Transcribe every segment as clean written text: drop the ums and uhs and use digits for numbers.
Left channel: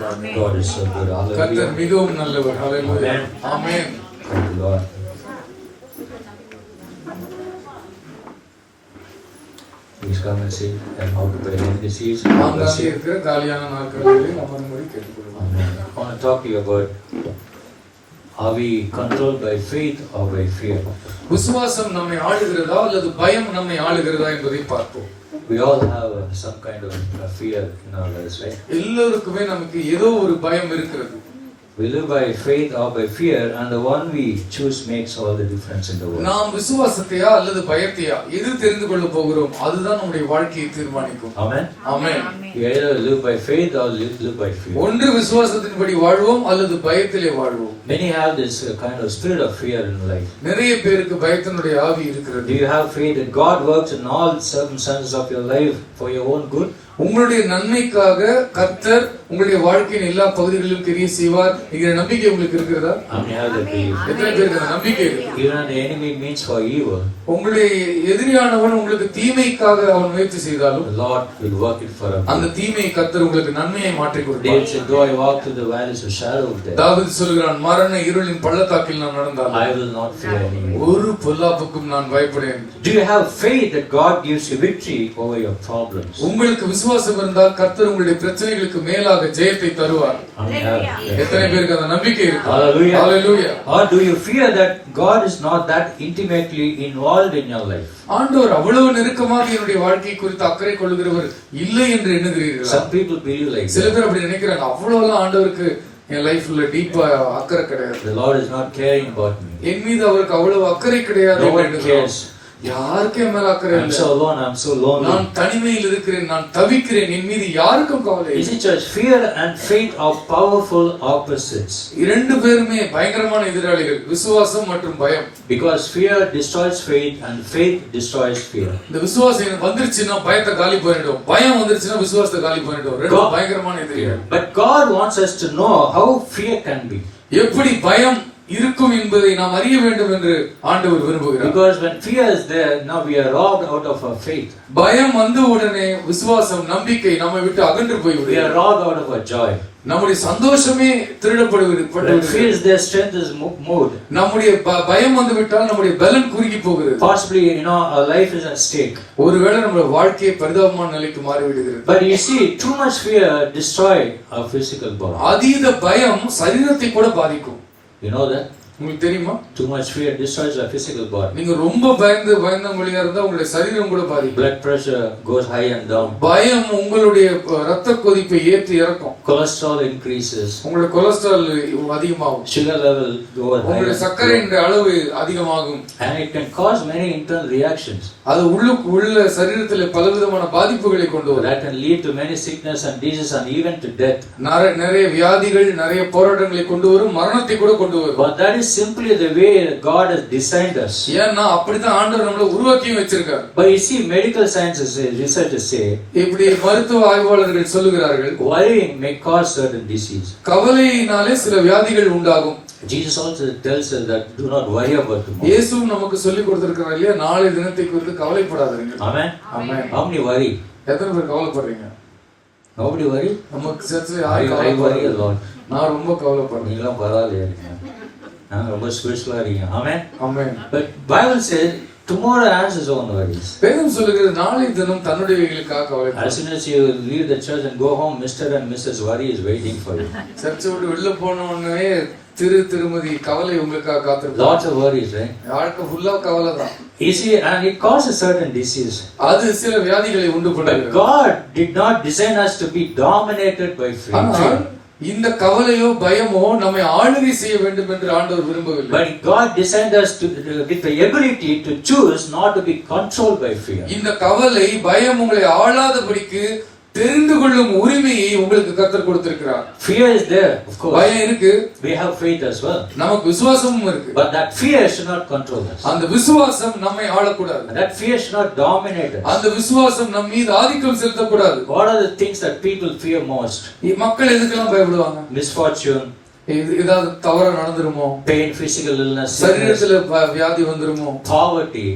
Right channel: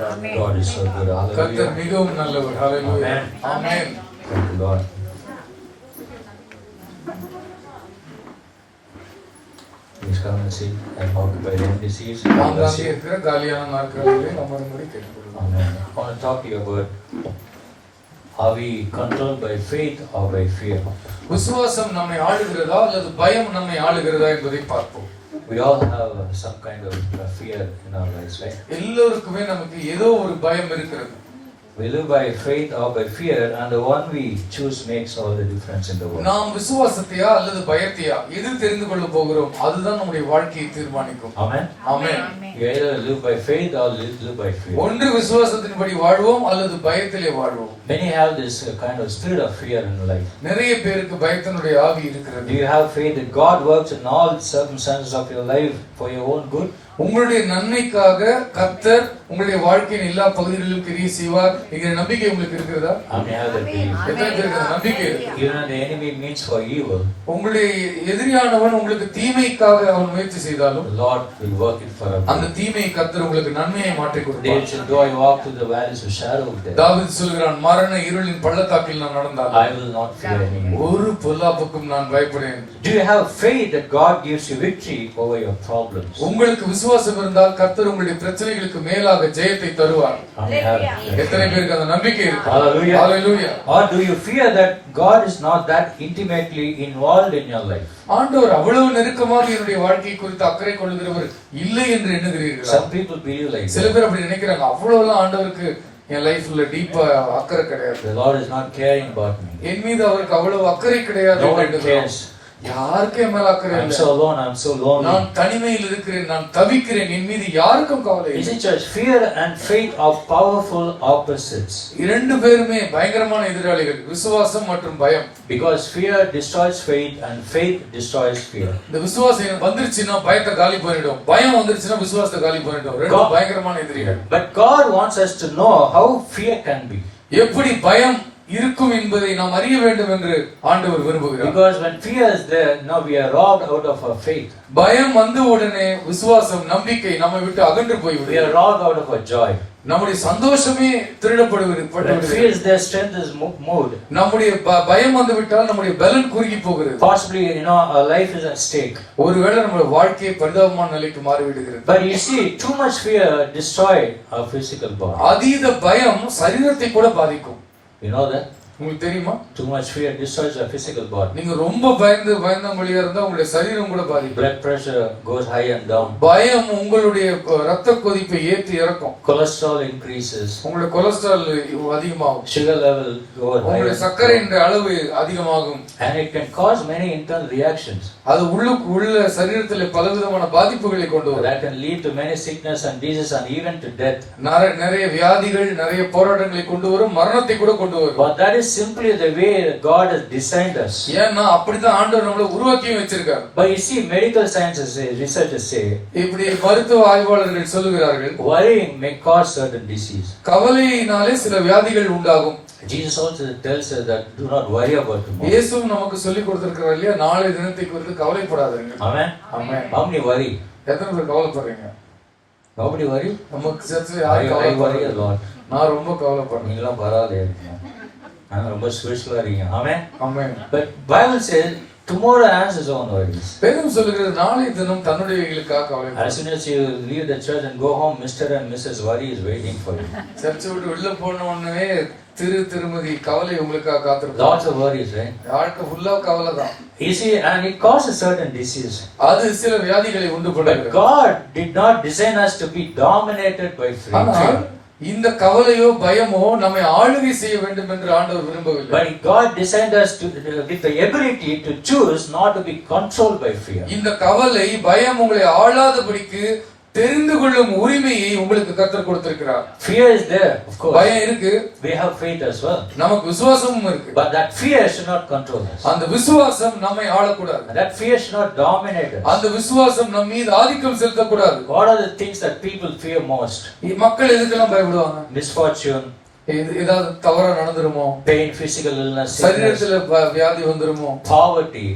God is so good. கர்த்தர் Hallelujah. மிகவும் நல்லவர். ஹalleluya. ஆமென். Thank you, Lord. Please come and sit and occupy empty seats. ஆங்காங்கே இருக்கிற காலியான நாற்காலிகளில் அமரும்படி கேட்டுக்கொள்கிறோம். Amen. I want to talk to you about, are we controlled by faith or by fear? விசுவாசம் நம்மை ஆளுகிறதா அல்லது பயம் நம்மை ஆளுகிறதா என்பதை பார்ப்போம். We all have some kind of fear in our lives, right? எல்லோருக்குமே நமக்கு ஏதோ ஒரு பயம் இருக்கிறது. We live by faith or by fear, and the one we choose makes all the difference in the world. நாம் விசுவாசத்தையா அல்லது பயத்தையா எது தெரிந்து கொள்ள போகிறோம் அதுதான் நம்முடைய வாழ்க்கையை தீர்மானிக்கும். Amen. Amen. We either live by faith or live by fear. ஒன்று விசுவாசத்தின்படி வாழ்வோம் அல்லது பயத்திலே வாழ்வோம். Many have this kind of spirit of fear in life. நிறைய பேருக்கு பயத்தினுடைய ஆவி இருக்கிறது. Do you have faith that God works in all circumstances of your life for your own good? உங்களுடைய நன்மைக்காக கர்த்தர் உங்களுடைய வாழ்க்கையின் எல்லா பகுதிகளிலும் கிரியை செய்வார் என்கிற நம்பிக்கை உங்களுக்கு இருக்கிறதா? எத்தனை பேருக்கு அந்த நம்பிக்கை இருக்கு? Even the enemy means for evil, உங்களுடைய எதிரியானவன் உங்களுக்கு தீமைக்காக அவன் முயற்சி செய்தாலும் the Lord will work it for us. அந்த தீமையை கர்த்தர் உங்களுக்கு நன்மையை மாற்றி கொடுப்பார். David said, though I walk through the valleys of shadow of death, தாவீது சொல்கிறான், மரண இருளின் பள்ளத்தாக்கில் நான் நடந்தாலும் I will not fear any evil. ஒரு பொல்லாப்புக்கும் நான் பயப்படேன். Do you have faith that God gives you victory over your problems? உங்களுக்கு விசுவாசம் இருந்தால் கர்த்தர் உங்களுடைய பிரச்சனைகளுக்கு மேலாக ஜெயத்தை தருவார். எத்தனை பேருக்கு அந்த நம்பிக்கை இருக்கு? Hallelujah. Hallelujah. Or do you fear that God is not that intimately involved in your life? ஆண்டவர் அவ்வளவு நெருக்கமாக என்னுடைய வாழ்க்கை குறித்து அக்கறை கொள்கிறவர் இல்லை என்று எண்ணுகிறீர்களா? Some people believe like சில that. பேர் அப்படி நினைக்கிறாங்க. அவ்வளவுலாம் ஆண்டவருக்கு என் லைஃப்ல டீப்பா அக்கறை கிடையாது. The Lord is not caring about me. என் மீது அவருக்கு அவ்வளவு அக்கறை கிடையாது. No one cares. யாருக்கு என் மேல அக்கறை I'm இல்லை. so alone, I'm so lonely. நான் தனிமையில் இருக்கிறேன், நான் தவிக்கிறேன், என் மீது யாருக்கும் கவலை You இல்லை. see, church, fear and faith are powerful opposites. இரண்டு பேருமே பயங்கரமான எதிராளிகள், விசுவாசம் மற்றும் பயம். Because fear destroys faith and faith destroys fear. இந்த விசுவாசம் வந்துருச்சுன்னா பயத்தை காலி பண்ணிடும், பயம் வந்துருச்சுன்னா விசுவாசத்தை காலி பண்ணிடும். ரெண்டும் பயங்கரமான எதிரிகள். But God wants us to know how fear can be. எப்படி பயம் இருக்கும் என்பதை நாம் அறிய வேண்டும் என்று ஆண்டவர் விரும்புகிறார். Because when fear is there, now we are robbed out of our faith. பயம் வந்த உடனே விசுவாசம், நம்பிக்கை நம்மை விட்டு அகன்று We போய்விடுகிறது. are robbed out of our joy. நம்முடைய சந்தோஷமே திருடப்படுகிறது. When fear is there, strength is moved. நம்முடைய பயம் வந்து விட்டால் நம்முடைய பலன் குறுகி போகிறது. Possibly, our life is at stake. ஒருவேளை நம்முடைய வாழ்க்கையை பரிதாபமான நிலைக்கு மாறி விடுகிறது. But you see, too much fear destroy our physical body. அதீத பயம் சரீரத்தை கூட பாதிக்கும். You know that? உங்களுக்கு தெரியுமா? Too much fear destroys our physical body. நீங்க ரொம்ப பயந்தவங்களா இருந்தா உங்களுடைய சரீரம் கூட பாதிக்கும். Blood pressure goes high and down. பயம் உங்களுடைய ரத்த கொதிப்பை ஏற்றி இறக்கும். Cholesterol increases. உங்களுடைய கொலஸ்ட்ரால் அதிகமாகும். Sugar level goes high. உங்களுடைய சர்க்கரையின் அளவு அதிகமாகும். And it can cause many internal reactions. அது உள்ள சரீரத்தில் பலவிதமான பாதிப்புகளை கொண்டு வரும். That can lead to many sickness and diseases and even to death. நிறைய வியாதிகள், நிறைய போராட்டங்களை கொண்டு வரும், மரணத்தை கூட கொண்டு வரும். But that is simply the way God has designed us. ஏன்னா அப்படிதான் ஆண்டவர் நம்மள உருவாக்கி வச்சிருக்கார். But you see, medical sciences say, researchers say, இப்படி மருத்துவ ஆய்வாளர்கள் சொல்லுகிறார்கள், worrying may cause certain disease. கவலையினாலே சில வியாதிகள் உண்டாகும். Jesus also tells us that do not worry about tomorrow. இயேசு நமக்கு சொல்லி கொடுத்திருக்கிறார் இல்லையா, நாளை தினத்தை குறித்து கவலைப்படாதீங்க. Amen. Amen. How many worry? எத்தனை பேர் கவலைப்படுறீங்க? Nobody worry? நமக்கு சர்ச்சில் I யாரும் worry a lot. நான் ரொம்ப கவலைப்படுறேன். நீங்களும் பரவாயில்லையா? நான் ரொம்ப ஸ்பிரிச்சுவலா இருக்கீங்க. ஆமென். ஆமென். But Bible says tomorrow has its own worries. வேதம் சொல்லுகிறது நாளை தினம் தன்னுடையவைகளுக்காக கவலைப்படும். As soon as you leave the church and go home, Mr. and Mrs. Worry is waiting for you. சர்ச்சை விட்டு வெளில போன உடனே திருமதி கவலை உங்களுக்காக காத்திருக்கும். Lots of worries, right? வாழ்க்கை ஃபுல்லா கவலை தான். You see, and it causes certain disease. அது சில வியாதிகளை உண்டு But பண்ணுகிறது. God did not design us to be dominated by fear. இந்த கவலையோ பயமோ நம்மை ஆளுகை செய்ய வேண்டும் என்று ஆண்டவர் விரும்பவில்லை. But God designed us with the ability to choose not to be controlled by fear. இந்த கவலை பயம் உங்களை ஆளாதபடிக்கு தெரிந்து கொள்ளும் உரிமையை உங்களுக்கு கர்த்தர் கொடுத்திருக்கிறார். Fear is there, of course. பயம் இருக்கு. We have faith as well. நமக்கு விசுவாசமும் இருக்கு. But that fear should not control us. அந்த விசுவாசம் நம்மை ஆளக்கூடாது. That fear should not dominate us. அந்த விசுவாசம் நம்ம மீது ஆதிக்கம் செலுத்தக்கூடாது. What are the things that people fear most? மக்கள் எதுக்கெல்லாம் பயப்படுவாங்க? Misfortune. ஏதாவது தவறா நடந்துருமோ, pain, physical illness, sickness, சரீரத்துல வியாதி வந்துருமோ, poverty,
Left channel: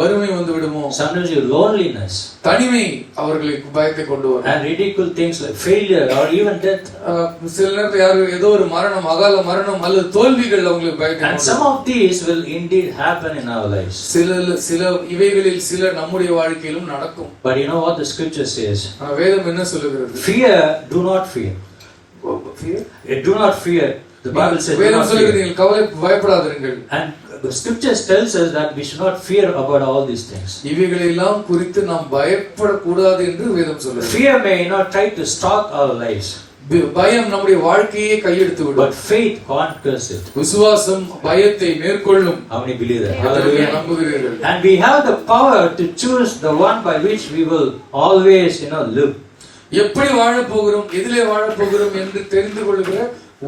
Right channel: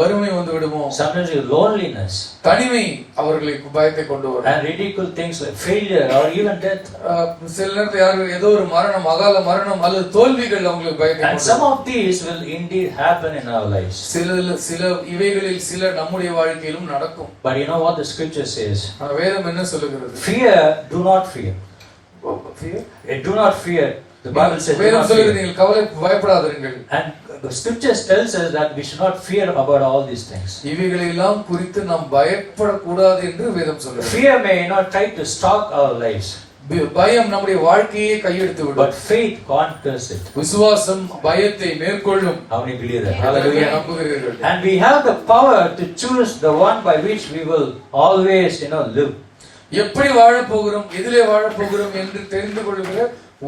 வறுமை வந்து விடுமோ, sometimes loneliness, தனிமை அவர்களுக்கு பயத்தை கொண்டு வரும். and ridicule things like failure or even death. சில நேரத்துல யாரு ஏதோ ஒரு மரணம், அகால மரணம் அல்லது தோல்விகள் அவங்களுக்கு பயத்தை And கொண்டு some of these will indeed happen in our lives. சில இவைகளில் சில நம்முடைய வாழ்க்கையிலும் நடக்கும். But you know what the scripture says? வேதம் என்ன சொல்லுகிறது? Fear, do not fear. Do not fear. The Bible says do வேதம் not சொல்லுகிறது fear. நீங்கள் கவலை பயப்படாதீர்கள். And the scriptures tells us that we should not fear about all these things. இவைகளெல்லாம் குறித்து நாம் பயப்படக்கூடாது என்று வேதம் சொல்லுகிறது. Fear may not try to stalk our lives. பயம் நம்முடைய வாழ்க்கையை கையெடுத்து விடும். But faith conquers it. விசுவாசம் பயத்தை மேற்கொள்ளும். How many believe that? Hallelujah. நம்புகிறீர்கள்? And we have the power to choose the one by which we will always, live. எப்படி வாழப் போகிறோம், எதிலே வாழப் போகிறோம் என்று தெரிந்து கொள்கிற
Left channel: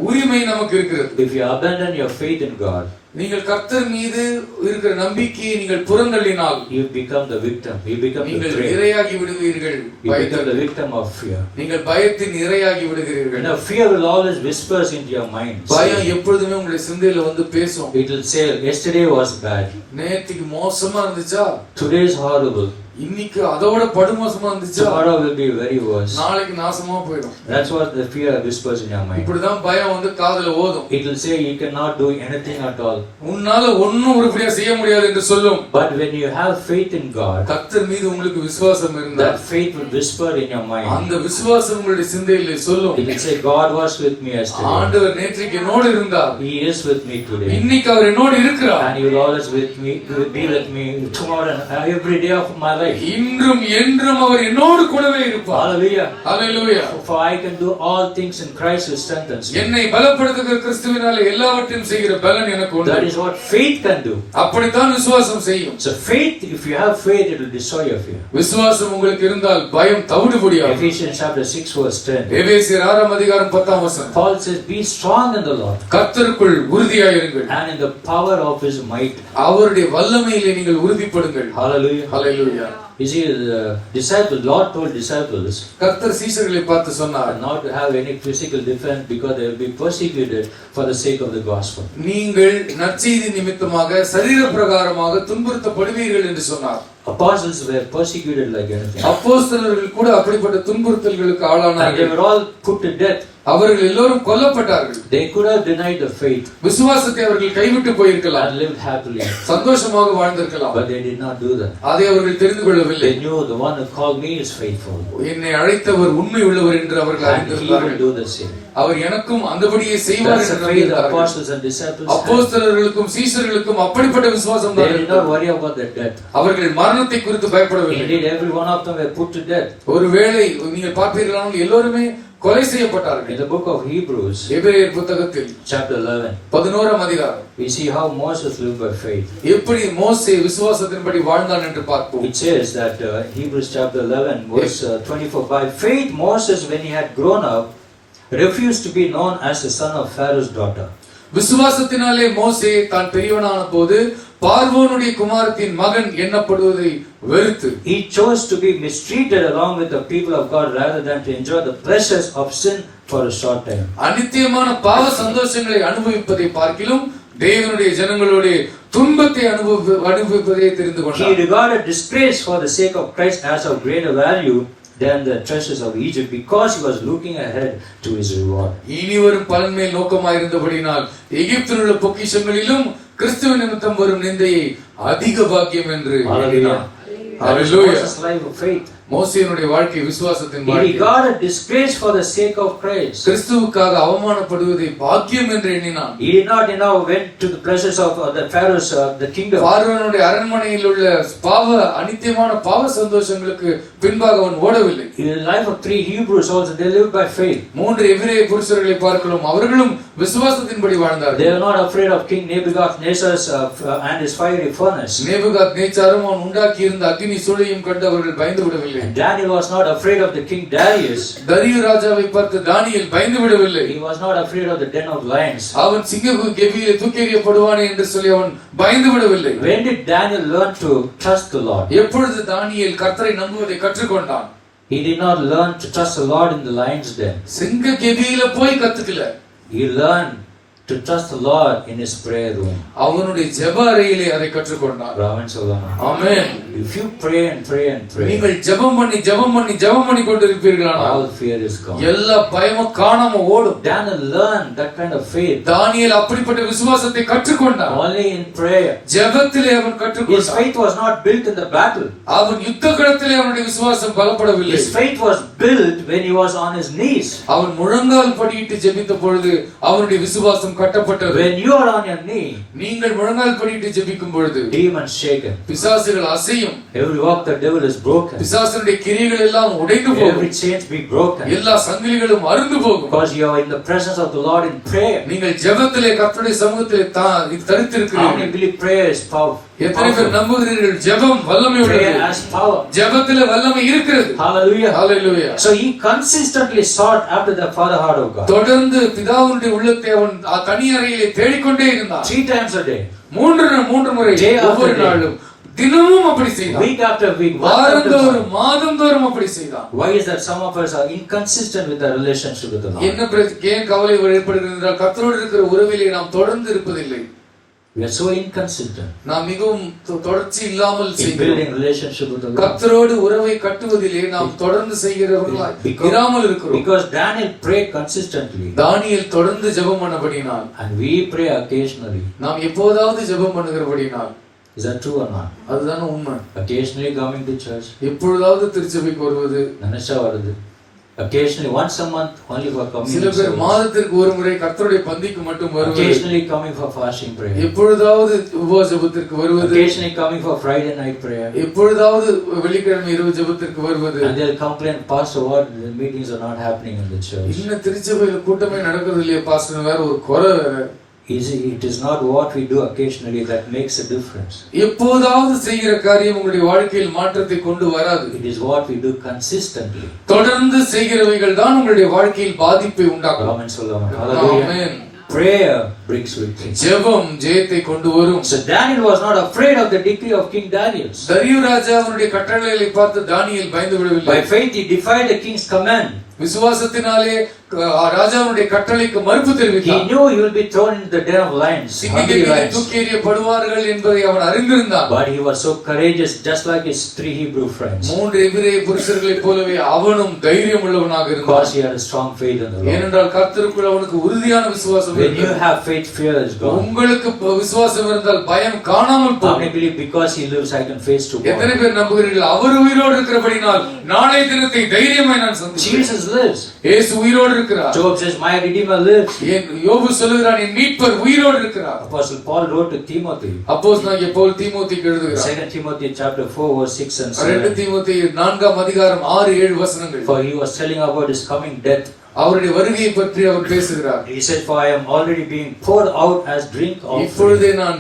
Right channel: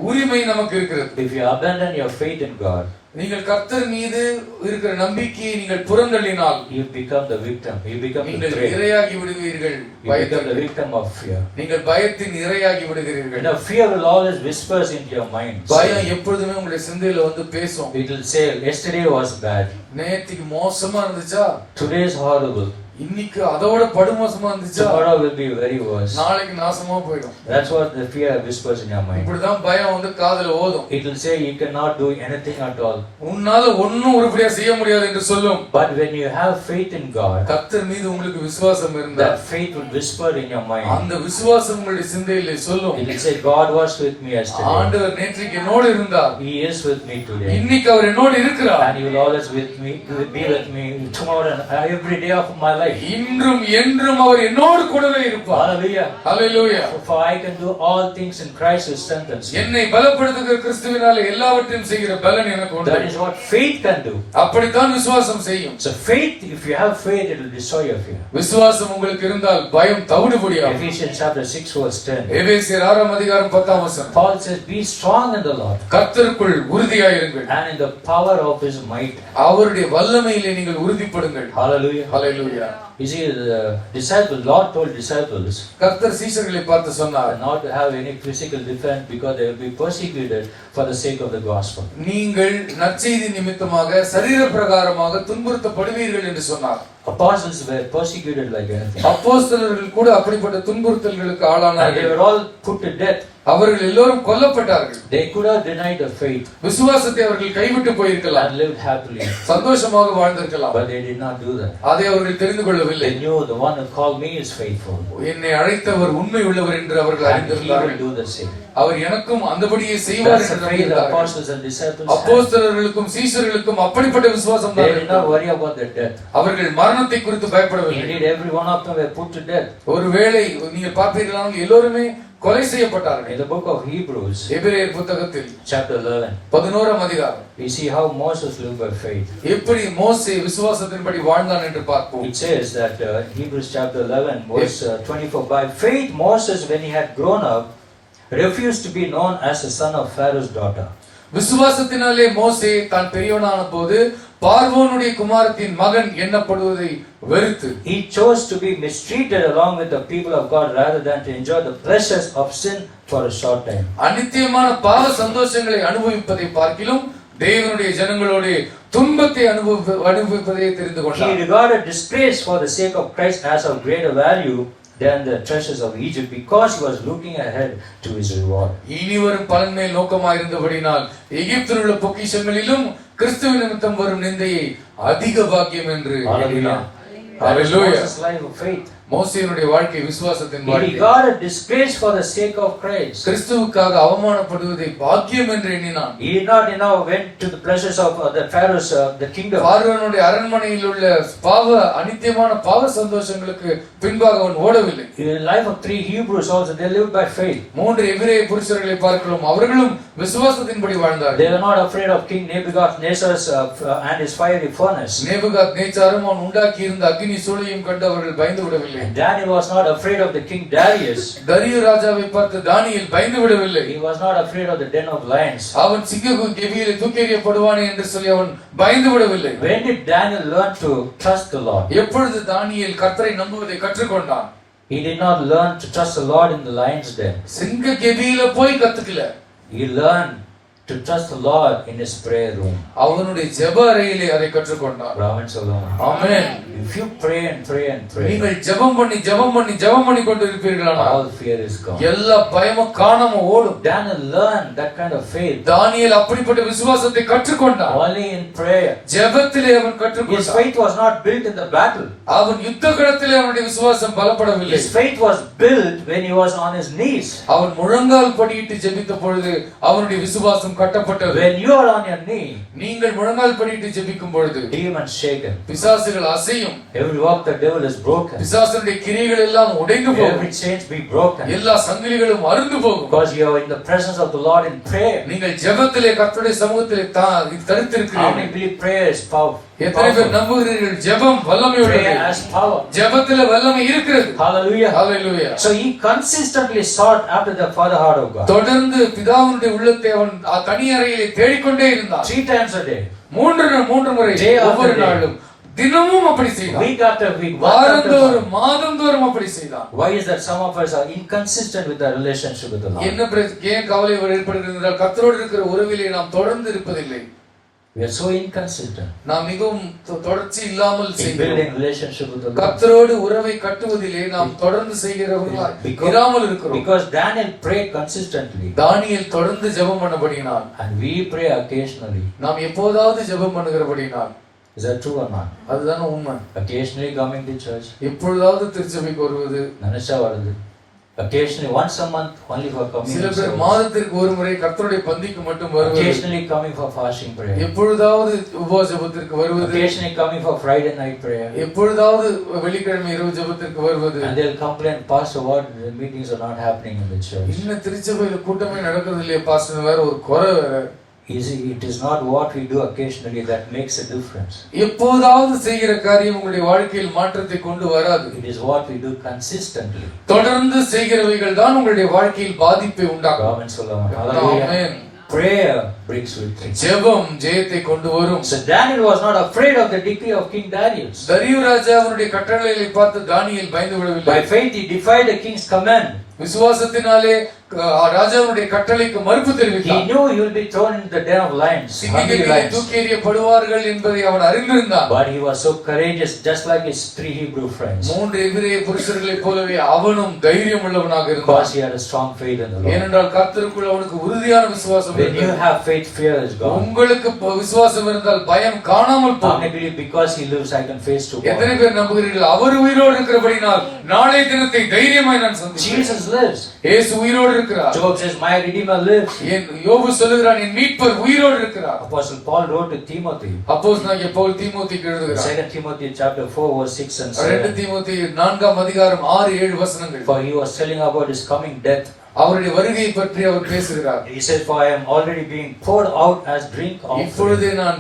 உரிமை நமக்கு இருக்கிறது. If you abandon your faith in God, நீங்கள் கர்த்தர் மீது இருக்கிற நம்பிக்கையை நீங்கள் புறந்தள்ளினால், you become the victim. You become the நீங்கள் prey. இரையாகி விடுவீர்கள். You become the victim of fear. நீங்கள் பயத்தின் இரையாகி விடுகிறீர்கள். Fear will always whispers into your mind. பயம் எப்பொழுதுமே உங்களுடைய சிந்தையில வந்து பேசும். It will say, yesterday was bad. நேத்திக்கு மோசமா இருந்துச்சா, Today is horrible. இன்னைக்கு அதோட படுமோசமா இருந்துச்சா, Tomorrow will be very worse. நாளைக்கு நாசமா போயிடும். That's what the fear whispers in your mind. இப்படிதான் பயம் வந்து காதுல ஓதும். It will say you cannot do anything at all. உன்னால ஒண்ணும் உருப்படியா செய்ய முடியாது என்று சொல்லும். But when you have faith in God, கர்த்தர் மீது உங்களுக்கு விசுவாசம் இருந்தால், that faith will whisper in your mind. அந்த விசுவாசம் உங்களுடைய சிந்தையிலே சொல்லும். It will say God was with me yesterday. ஆண்டவர் நேற்றைக்கு என்னோடு இருந்தார். He is with me today. இன்னைக்கு அவர் என்னோடு இருக்கிறார். And he will always be with me tomorrow and every day of my life. இன்றும் என்றும் அவர் என்னோடு கூடவே இருப்பார். Hallelujah. Hallelujah. For I can do all things in Christ who strengthens me. என்னை பலப்படுத்துகிற கிறிஸ்துவினாலே எல்லாவற்றையும் செய்கிற பலன் எனக்கு உண்டு. That is what faith can do. அப்படித்தான் விசுவாசம் செய்யும். So faith, if you have faith, it will destroy your fear. விசுவாசம் உங்களுக்கு இருந்தால் பயம் தவிடுபடியாகும். Ephesians chapter 6 verse 10. எபேசியர் 6 அதிகாரம் 10 வசனம். Paul says, be strong in the Lord. கர்த்தருக்குள் உறுதியாயிருங்கள். And in the power of his might. அவருடைய வல்லமையிலே நீங்கள் உறுதிப்படுங்கள். Hallelujah. Hallelujah. You see, the disciples, Lord told disciples, கர்த்தர் சீஷர்களை பார்த்து சொன்னார், not to have any physical defense because they will be persecuted for the sake of the gospel. நீங்கள் நற்செய்தி நிமித்தமாக சரீர பிரகாரமாக துன்புறுத்தப்படுவீர்கள் என்று சொன்னார். Apostles were persecuted like anything. அப்போஸ்தலர்கள் கூட அப்படிப்பட்ட துன்புறுத்தல்களுக்கு And they ஆளானார்கள். were all put to death. அவர்கள் எல்லோரும் கொல்லப்பட்டார்கள். They could have denied the faith விசுவாசத்தை அவர்கள் கைவிட்டு போயிருக்கலாம், and lived happily. சந்தோஷமாக வாழ்ந்திருக்கலாம். But they did not do that. அதை அவர்கள் தெரிந்து கொள்ளவில்லை. They knew the one who called me is faithful. என்னை அழைத்தவர் உண்மை உள்ளவர் என்று அவர்கள் And he அறிந்திருந்தார்கள். will do the same. அவர் எனக்கும் அந்தபடியே செய்வார் That's என்று the faith the நம்பினார்கள். apostles and disciples had. அப்போஸ்தலர்களுக்கும் சீஷர்களுக்கும் அப்படிப்பட்ட விசுவாசம் They தான் did not worry about their death. அவர்கள் மரணத்தை குறித்து பயப்படவில்லை. Indeed, every one of them were put to death. ஒருவேளை நீங்கள் பார்ப்பீர்களானால் எல்லோருமே கொலை செய்யப்பட்டார்கள். In the book of Hebrews, எபிரேயர் புத்தகத்தில் chapter 11, 11 அதிகாரம், we see how Moses lived by faith. எப்படி மோசே விசுவாசத்தின்படி வாழ்ந்தான் என்று பார்ப்போம். It says that Hebrews chapter 11 verse 24, by faith Moses, when he had grown up, refused to be known as the son of Pharaoh's daughter. விசுவாசத்தினாலே மோசே தான் பெரியவனான போது பார்வோனுடைய குமாரத்தின் மகன் எண்ணப்படுவதை வெறுத்து, He chose to be mistreated along with the people of God rather than to enjoy the pleasures of sin for a short time. அநித்தியமான பாவ சந்தோஷங்களை அனுபவிப்பதை பார்க்கிலும் தேவனுடைய ஜனங்களோடு துன்பத்தை அனுபவிப்பதை தெரிந்து He கொண்டார். regarded disgrace for the sake of Christ as of greater value than the treasures of Egypt because he was looking ahead to his reward. இனிவரும் பலன் மேல் நோக்கமாயிருந்தபடினால் எகிப்தில் உள்ள பொக்கிஷங்களிலும் கிறிஸ்துவ நிமித்தம் வரும் நிந்தையை அதிக பாக்கியம் என்று எண்ணினார். Hallelujah. Moses' life of faith. மோசேயினுடைய வாழ்க்கை விசுவாசத்தின் He வாழ்க்கை. regarded disgrace for the sake of Christ. கிறிஸ்துவுக்காக அவமானப்படுவதை பாக்கியம் என்று எண்ணினான். He did not went to the pleasures of the Pharaoh's the kingdom. பார்வோனுடைய அரண்மனையில் உள்ள அநித்தியமான பாவ சந்தோஷங்களுக்கு பின்பாக அவன் ஓடவில்லை. In the life of 3 Hebrews also, they lived by faith. 3 எபிரேய புருஷர்களை பார்க்கிறோம், அவர்களும் விசுவாசத்தின்படி வாழ்ந்தார்கள். They were not afraid of King Nebuchadnezzar and his fiery furnace. நேபுகாத்நேச்சாரும் அவன் உண்டாக்கி இருந்த அக்கினி சூளையும் கண்டு அவர்கள் பயந்து விடவில்லை. And Daniel was not afraid of the king Darius. தரியு ராஜாவை பார்த்து தானியேல் பயந்து விடவில்லை. He was not afraid of the den of lions. அவன் சிங்க கெபியிலே தூக்கியப்படுவானே என்று சொல்லி அவன் பயந்து விடவில்லை. When did Daniel learn to trust the Lord? எப்பொழுது தானியேல் கர்த்தரை நம்புவதை கற்றுக்கொண்டான்? He did not learn to trust the Lord in the lion's den. சிங்க கெபியில போய் கத்துக்கல. He learned to trust the Lord in his prayer room. அவனுடைய ஜெப அறையிலே அதை கற்றுக்கொண்டார். Raman Solomon. Amen. If you pray and pray and pray, நீங்கள் ஜெபம் பண்ணி கொண்டு இருப்பீர்களானால் all fear is gone. எல்லா பயமும் காணாம ஓடும். Daniel learned that kind of faith. தானியேல் அப்படிப்பட்ட விசுவாசத்தை கற்றுக்கொண்டான். Only in prayer. ஜெபத்திலே அவன் His கற்றுக்கொண்டான். faith was not built in the battle. அவன் யுத்த களத்திலே அவனுடைய விசுவாசம் பலப்படவில்லை. His faith was built when he was on his knees. அவன் முழங்கால் படியிட்டு ஜெபித்த பொழுது அவனுடைய விசுவாசம் கட்டப்பட்டது. When you are on your knee, நீங்கள் முழங்கால் படியிட்டு ஜெபிக்கும் பொழுது demons shaken. பிசாசுகள் அசையும். Every work the devil is broken. பிசாசுடைய கிரியைகள் எல்லாம் உடைந்து போகும். Every chains be broken. எல்லா சங்கிலிகளும் அறுந்து போகும். Because you are in the presence of the Lord in prayer. நீங்கள் ஜெபத்திலே கர்த்தருடைய சமூகத்திலே How தரித்திருக்கிறீர்கள். many believe prayer is powerful? எத்தனை பேர் நம்புகிறீர்கள் ஜெபம் வல்லமை உள்ளது? Prayer has power. ஜெபத்திலே வல்லமை இருக்கிறது. Hallelujah. Hallelujah. So he consistently sought after the father heart of God. தொடர்ந்து பிதாவுடைய உள்ளத்தை அவன் தனி அறையிலே தேடிக்கொண்டே இருந்தான். 3 times a day. மூன்று முறை Day after ஒவ்வொரு day. நாளும் தினமும் அப்படி செய்தான். Week after week. month after month. வாரந்தோறும் மாதந்தோறும் அப்படி செய்தான். Why is that some of us are inconsistent with our relationship with the Lord? என்ன ஏன் கவலை ஏற்படுகிறது என்றால் கர்த்தரோடு இருக்கிற உறவிலே நாம் தொடர்ந்து இருப்பதில்லை. We are so inconsistent நாம் மிகவும் தொடர்ச்சி இல்லாமல் in செய்கிறோம். building relationship with the Lord. கர்த்தரோடு உறவை கட்டுவதிலே நாம் தொடர்ந்து செய்கிறவர்களாய் இராமல் இருக்கிறோம். Because Daniel prayed consistently தானியேல் தொடர்ந்து ஜெபம் பண்ணபடியினால் and we pray occasionally. நாம் எப்போதாவது ஜெபம் பண்ணுகிறபடியினால் Is that true or not? அதுதான் உண்மை. Occasionally coming to church. எப்பொழுதாவது திருச்சபைக்கு வருவது. Nanasha varudhu. Occasionally once a month only for சில communion பேர் service. மாதத்திற்கு ஒரு முறை கர்த்தருடைய பந்திக்கு மட்டும் வருவது. Occasionally coming for fasting prayer. எப்பொழுதாவது உபவாச ஜெபத்திற்கு வருவது. Occasionally coming for Friday night prayer. எப்பொழுதாவது வெள்ளிக்கிழமை இரவு ஜெபத்திற்கு வருவது. And they'll complain, Pastor, what the meetings are not happening in the church. இன்னும் திருச்சபையில கூட்டமே நடக்கிறது இல்லையா பாஸ்டர், வேற ஒரு குறை வேற. It is not what we do occasionally that makes a difference. எப்போதாவது செய்கிற காரியம் உங்களுடைய வாழ்க்கையில் மாற்றத்தை கொண்டு வராது. It is what we do consistently. தொடர்ந்து செய்கிறவைகள் தான் உங்களுடைய வாழ்க்கையில் பாதிப்பை உண்டாக்கும். Amen Solomon. Hallelujah. Prayer brings victory. ஜெபம் ஜெயத்தை கொண்டு வரும். So Daniel was not afraid of the decree of King Darius. தரியு ராஜாவுடைய கட்டளைகளை பார்த்து தானியேல் பயந்து விடவில்லை. By faith he defied the king's command. விசுவாசத்தினாலே ராஜாவுடைய கட்டளைக்கு மறுப்பு தெரிவித்தார். He knew he will be thrown into the den of lions. சிங்கங்களிலே தூக்கி எறியப்படுவார்கள் என்பதை அவன் அறிந்திருந்தான். But he was so courageous, just like his 3 Hebrew friends. மூன்று எபிரேய புருஷர்களைப் போலவே அவனும் தைரியம் உள்ளவனாக இருந்தான். Because he had a strong faith in the Lord. ஏனென்றால் கர்த்தருக்குள் அவனுக்கு உறுதியான விசுவாசம் When இருந்தது. you have faith, fear is gone. உங்களுக்கு விசுவாசம் இருந்தால் பயம் காணாமல் How போகும். many believe because he lives I can face tomorrow? எத்தனை பேர் நம்புகிறீர்கள் அவர் உயிரோடு இருக்கிறபடினால் நாளைய தினத்தை தைரியமாய் நான் சந்திப்பேன். Jesus lives. இயேசு உயிரோடு இருக்கிறார். Job says, my Redeemer lives. யோபு சொல்லுகிறான் என் மீட்பர் உயிரோடு இருக்கிறார். Apostle Paul wrote to Timothy. அப்போஸ்தலனாகிய பவுல் தீமோத்தேயுக்கு எழுதுகிறார். 2 Timothy chapter 4 verse 6 and 2 7. தீமோத்தேயு 4ஆம் அதிகாரம் 6-7 வசனங்கள். For he was telling about his coming death. அவருடைய வருகையை பற்றி அவர் பேசுகிறார். He said, for I am already being poured out as drink offering. இப்பொழுதே நான்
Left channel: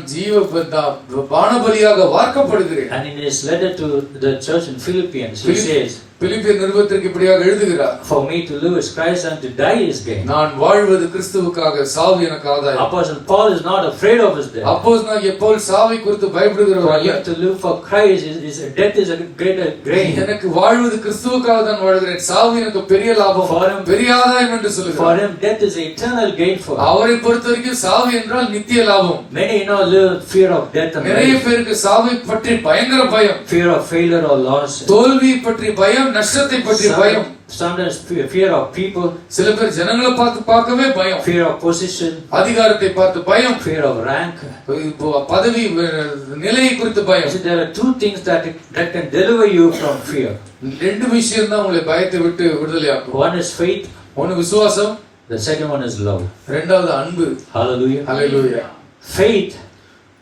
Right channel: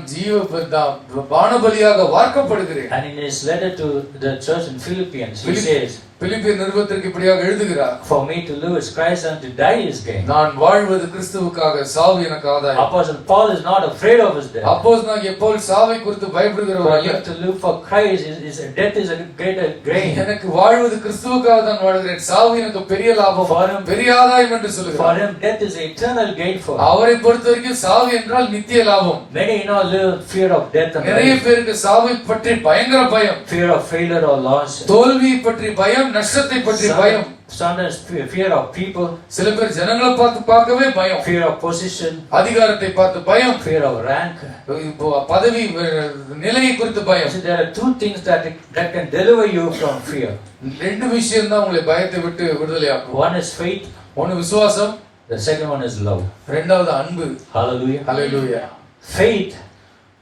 பானபலியாக வார்க்கப்படுகிறேன். And in his letter to the church in Philippians, he says, பிலிப்பியர் நிருபத்திற்கு இப்படியாக எழுதுகிறார். for me to live is Christ and to die is gain. நான் வாழ்வது கிறிஸ்துவுக்காக, சாவு எனக்கு ஆதாயம். Apostle Paul is not afraid of his death. அப்போஸ்தலனாகிய பவுல் சாவை குறித்து பயப்படுகிறவர் For அல்ல. him to live for Christ death is a greater gain. எனக்கு வாழ்வது கிறிஸ்துவுக்காக தான் வாழ்கிறேன், சாவு எனக்கு பெரிய லாபம், பெரிய ஆதாயம் என்று For சொல்லுகிறார். him death is eternal gain for him. அவரை பொறுத்தவரைக்கும் சாவு என்றால் நித்திய லாபம். Many live in fear of death and நிறைய life. பேருக்கு சாவை பற்றி பயங்கர பயம், Fear of failure or loss. தோல்வி பற்றி பயம், நஷ்டத்தை பற்றி பயம். Sometimes fear of people. சில பேர் ஜனங்களை பார்க்கவே பயம், Fear of position. அதிகாரத்தை பார்த்து பயம், Fear of rank. பதவி நிலையை குறித்து பயம். So there are 2 things that can deliver you from fear. ரெண்டு விஷயம் தான் உங்களை பயத்தை விட்டு விடுதலையாக்கும். One is faith. ஒன்னு விசுவாசம், The second one is love. இரண்டாவது அன்பு. Hallelujah. ஹalleluya. Faith.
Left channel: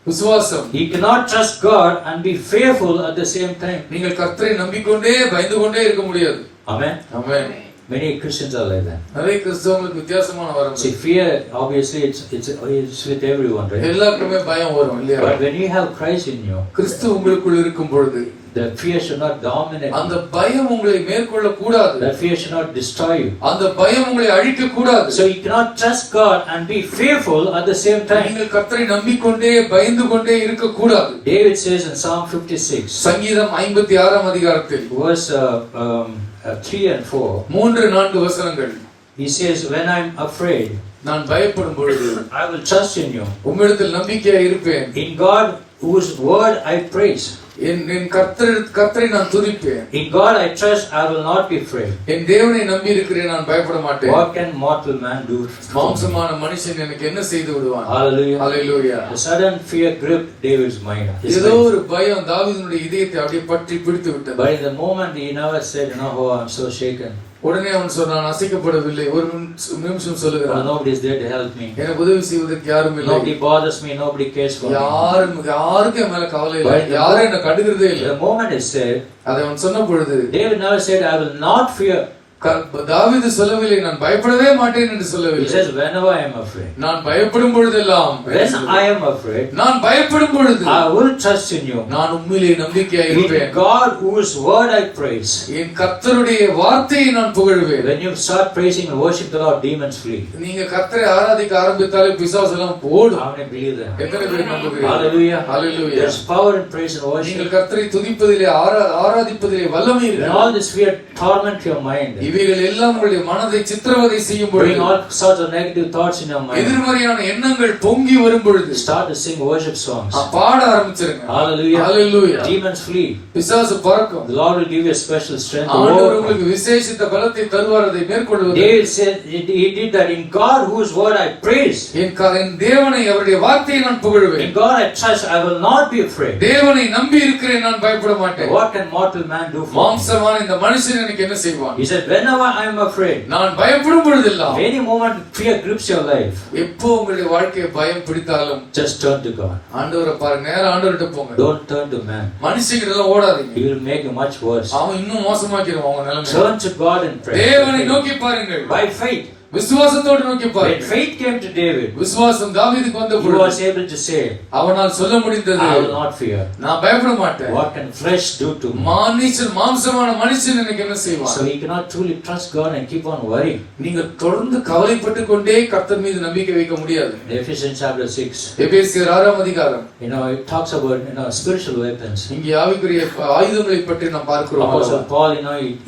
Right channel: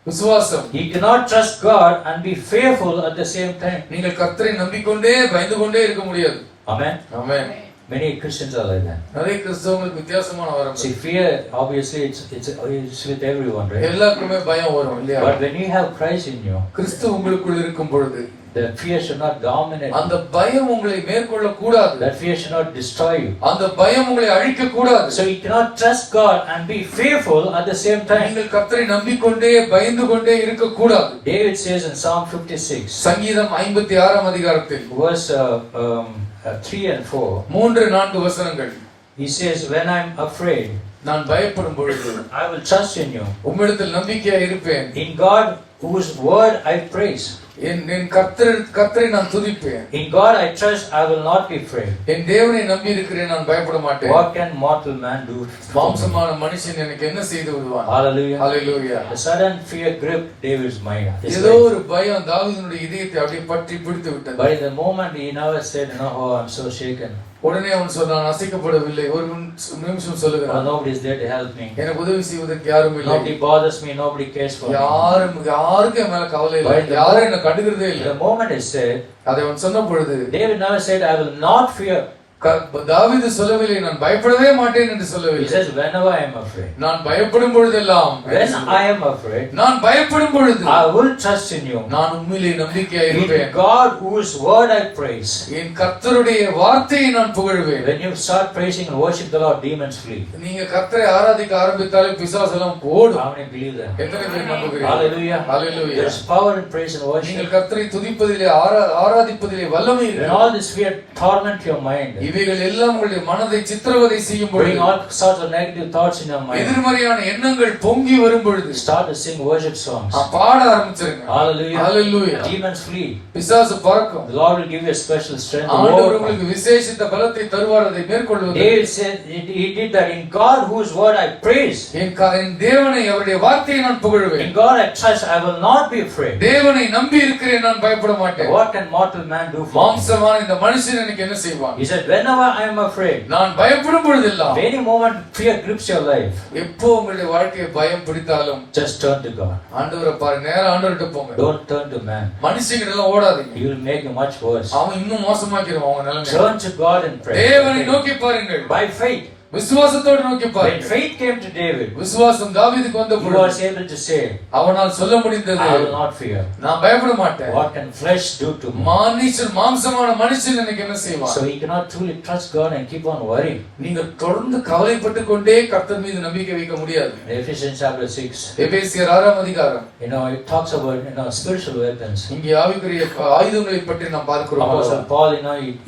விசுவாசம். You cannot trust God and be fearful at the same time. நீங்கள் கர்த்தரை நம்பிக்கொண்டே பயந்து கொண்டே இருக்க முடியாது. Amen. Amen. Many Christians are like that. நிறைய கிறிஸ்தவங்களுக்கு வித்தியாசமான வரம். See, fear obviously it's with everyone, right? எல்லாருக்குமே பயம் வரும் இல்லையா? But when you have Christ in you, கிறிஸ்து உங்களுக்குள் இருக்கும் பொழுது the fear should not dominate. அந்த பயம் உங்களை மேற்கொள்ள கூடாது. That fear should not destroy you. அந்த பயம் உங்களை அழிக்க கூடாது. So you cannot trust God and be fearful at the same time. நீங்கள் கர்த்தரை நம்பிக்கொண்டே பயந்து கொண்டே இருக்க கூடாது. David says in Psalm 56, சங்கீதம் 56ஆம் அதிகாரத்தில் verse 3 and 4, 3-4 வசனங்கள். He says, when I'm afraid, நான் பயப்படும் பொழுது I will trust in you. உம்மிடத்தில் நம்பிக்கையா இருப்பேன். In God whose word I praise. என் கர்த்தரை நான் துதிப்பேன். In God I trust, I will not be afraid. என் தேவனை நம்பி இருக்கிறேன், நான் பயப்பட மாட்டேன். What can mortal man do? மாம்சமான மனுஷன் எனக்கு என்ன செய்து விடுவான்? Hallelujah. Hallelujah. The sudden fear gripped David's mind. ஏதோ ஒரு பயம் தாவீதுனுடைய இதயத்தை அப்படியே பற்றி பிடித்து விட்டது. But in the moment he never said, oh, I'm so shaken. உடனே அவன் சொன்னான், அசைக்கப்படவில்லை. ஒரு நிமிஷம் சொல்லுகிறான், nobody is there to help me. எனக்கு உதவி செய்வதற்கு யாரும் இல்லை. Nobody bothers me, nobody cares for me. யாருக்கும் என் மேல கவலை இல்லை, யாரும் என்ன கண்டுக்கிறதே இல்லை. The moment he said, அதை அவன் சொன்ன பொழுது David never said, I will not fear. தாவீது சொல்லவில்லை, நான் பயப்படவே மாட்டேன் என்று சொல்லவில்லை. He says, whenever I am afraid. நான் பயப்படும் பொழுதெல்லாம், when I am afraid, நான் பயப்படும் பொழுது I will trust in you. நான் உம்மிலே நம்பிக்கையா இருப்பேன். In God whose word I praise. என் கர்த்தருடைய வார்த்தையை நான் புகழ்வேன். When you start praising and worship the Lord, demons flee. நீங்க கர்த்தரை ஆராதிக்க ஆரம்பித்தாலே பிசாசு எல்லாம் ஓடும். How many believe that? எத்தனை பேர் நம்புகிறீர்கள்? Hallelujah. Hallelujah. There is power in praise and worship. நீங்கள் கர்த்தரை துதிப்பதிலே ஆராதிப்பதிலே வல்லமை When இருக்கு. all this fear torment your mind, இவைகள் எல்லாம் உங்களுடைய மனதை சித்திரவதை செய்யும் பொழுது, bring all sorts of negative thoughts in your mind, எதிர்மறையான எண்ணங்கள் பொங்கி வரும் பொழுது, start to sing worship songs. பாட ஆரம்பிச்சிருங்க. Hallelujah. Hallelujah. Demons flee. பிசாசு பறக்கும். The Lord will give you a special strength. ஆண்டவர் உங்களுக்கு விசேஷித்த பலத்தை தருவார் அதை மேற்கொள்வதற்கு. David said he did that. In God whose word I praise. என் தேவனை அவருடைய வார்த்தையை நான் புகழ்வேன். In God I trust, I will not be afraid. தேவனை நம்பி இருக்கிறேன், நான் பயப்பட மாட்டேன். What can mortal man do for me? மாம்சமான இந்த மனுஷன் எனக்கு என்ன செய்வான்? He said, whenever I am afraid, நான் பயப்படும் பொழுதெல்லாம், any moment fear grips your life, எப்போ உங்களுடைய வாழ்க்கையை பயம் பிடித்தாலும், just turn to God. ஆண்டவரை பாருங்க, நேரா ஆண்டவர்கிட்ட போங்க. Don't turn to man. மனுஷங்கிட்ட எல்லாம் ஓடாதீங்க. He will make you much worse. அவன் இன்னும் மோசமாக்கிடுவான் அவங்க நிலைமை. Turn to God and pray. தேவனை நோக்கி பாருங்கள். By faith. விசுவாசத்தோடு நோக்கி When பாருங்கள். faith came to David, விசுவாசம் தாவீதுக்கு வந்த he பொழுது was able to say, அவனால் சொல்ல முடிந்தது, I will not fear. நான் பயப்பட மாட்டேன். What can flesh do to me? மாம்சமான மனுஷன் எனக்கு என்ன செய்வான்? So he cannot truly trust God and keep on worrying. நீங்க தொடர்ந்து கவலைப்பட்டு கொண்டே கர்த்தர் மீது நம்பிக்கை வைக்க முடியாது. Ephesians chapter 6. எபேசியர் 6ஆம் அதிகாரம். It talks about spiritual weapons. இங்கே ஆவிக்குரிய ஆயுதங்களை பற்றி நாம் பார்க்கிறோம். Apostle Paul,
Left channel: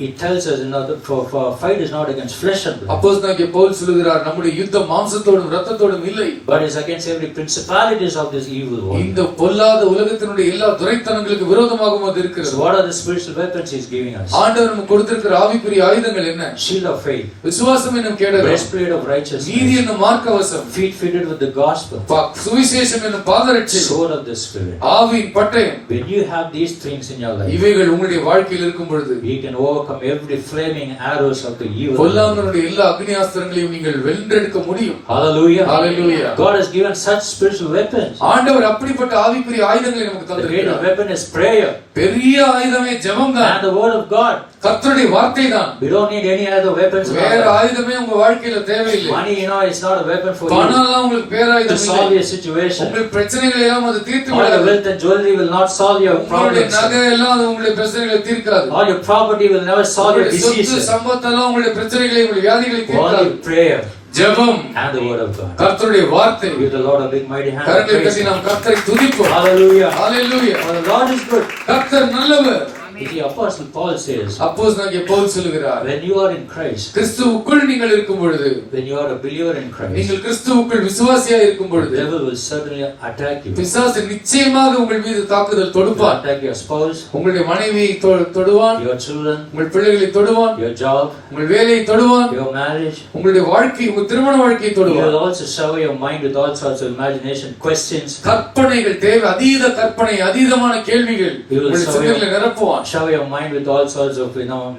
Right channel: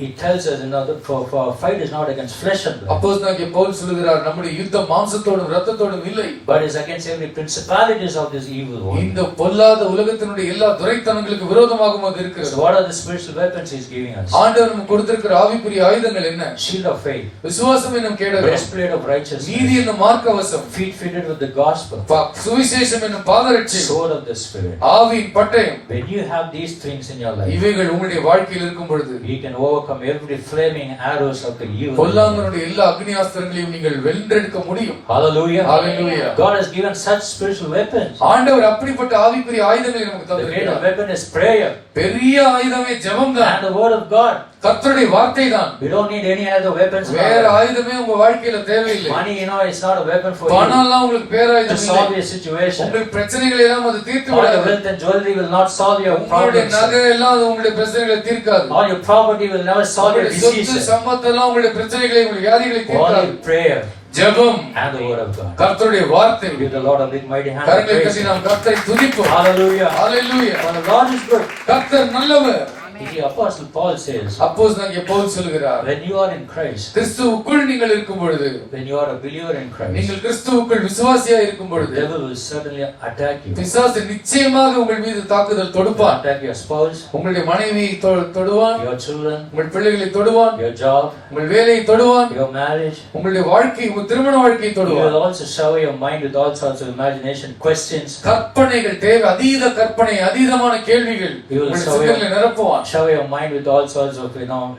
he tells us, that for fight is not against flesh and blood. அப்போஸ்தலனாகிய பவுல் சொல்கிறார், நம்முடைய யுத்தம் மாம்சத்தோடும் இரத்தத்தோடும் இல்லை, but is against every principalities of this evil world. இந்த பொல்லாத உலகத்தினுடைய எல்லா துரைத்தனங்களுக்கு விரோதமாகவும் அது இருக்கிறது. So what are the spiritual weapons he is giving us? ஆண்டவர் நமக்கு கொடுத்திருக்கிற ஆவிக்குரிய ஆயுதங்கள் என்ன? Shield of faith, விசுவாசம் என்னும் கேடகம், breastplate of righteousness, நீதி என்னும் மார்க்கவசம், feet fitted with the gospel, சுவிசேஷம் என்னும் பாதரட்சை, sword of the spirit. ஆவியின் பட்டயம். When you have these things in your life, இவைகள் உங்களுடைய வாழ்க்கையில் இருக்கும் பொழுது, you can overcome every flaming arrows of the evil. பொல்லாங்கனுடைய எல்லா அக்னியாஸ்திரங்களையும் நீங்கள் வென்றெடுக்க முடியும். Hallelujah. Hallelujah. God has given such spiritual weapons. ஆண்டவர் அப்படிப்பட்ட ஆவிக்குரிய ஆயுதங்களை நமக்கு The great தந்திருக்கிறார். weapon is prayer பெரிய ஆயுதமே ஜெபம்தான். and the word of God. கர்த்தருடைய வார்த்தை தான். We don't need any other weapons. வேற ஆயுதமே உங்க வாழ்க்கையில தேவையில்லை. Money, it's not a weapon for பணம் you எல்லாம் உங்களுக்கு to பேராயுதம் solve இல்லை. your situation. உங்கள் பிரச்சனைகளை எல்லாம் அது தீர்த்து All your விடாது. wealth and jewelry will not solve your உங்களுடைய problems. நகை எல்லாம் அது உங்களுடைய பிரச்சனைகளை தீர்க்காது. All your property will never solve your உங்களுடைய சொத்து diseases. சம்பத்தெல்லாம் உங்களுடைய பிரச்சனைகளை உங்களுடைய வியாதிகளை தீர்க்காது. Only prayer ஜெபம் and the word of God. கர்த்தருடைய வார்த்தை. Give the Lord a big mighty hand. கரங்களை Praise தட்டி Him. நாம் கர்த்தரை துதிப்போம். Hallelujah. Hallelujah. For the Lord is good. கர்த்தர் நல்லவர். The Apostle Paul says, அப்போஸ்தலனாகிய பவுல் சொல்கிறார், when you are in Christ, கிறிஸ்துவுக்குள் நீங்கள் இருக்கும் பொழுது, when you are a believer in Christ, நீங்கள் கிறிஸ்துவுக்குள் விசுவாசியாக இருக்கும் the பொழுது, devil will certainly attack you. பிசாசு நிச்சயமாக உங்கள் மீது தாக்குதல் தொடுப்பான். Attack your spouse, உங்களுடைய மனைவியை தொடுவான், your children, உங்கள் பிள்ளைகளை தொடுவான், your job, உங்கள் வேலையை தொடுவான், your marriage. உங்களுடைய வாழ்க்கை, உங்கள் திருமண வாழ்க்கையை You தொடுவான். will also shower your mind with all sorts of imagination, questions. கற்பனைகள் தேவை, அதீத கற்பனை, அதீதமான கேள்விகள் You will உங்கள் சிந்தனைகளை நிரப்புவான். shower your mind with all sorts of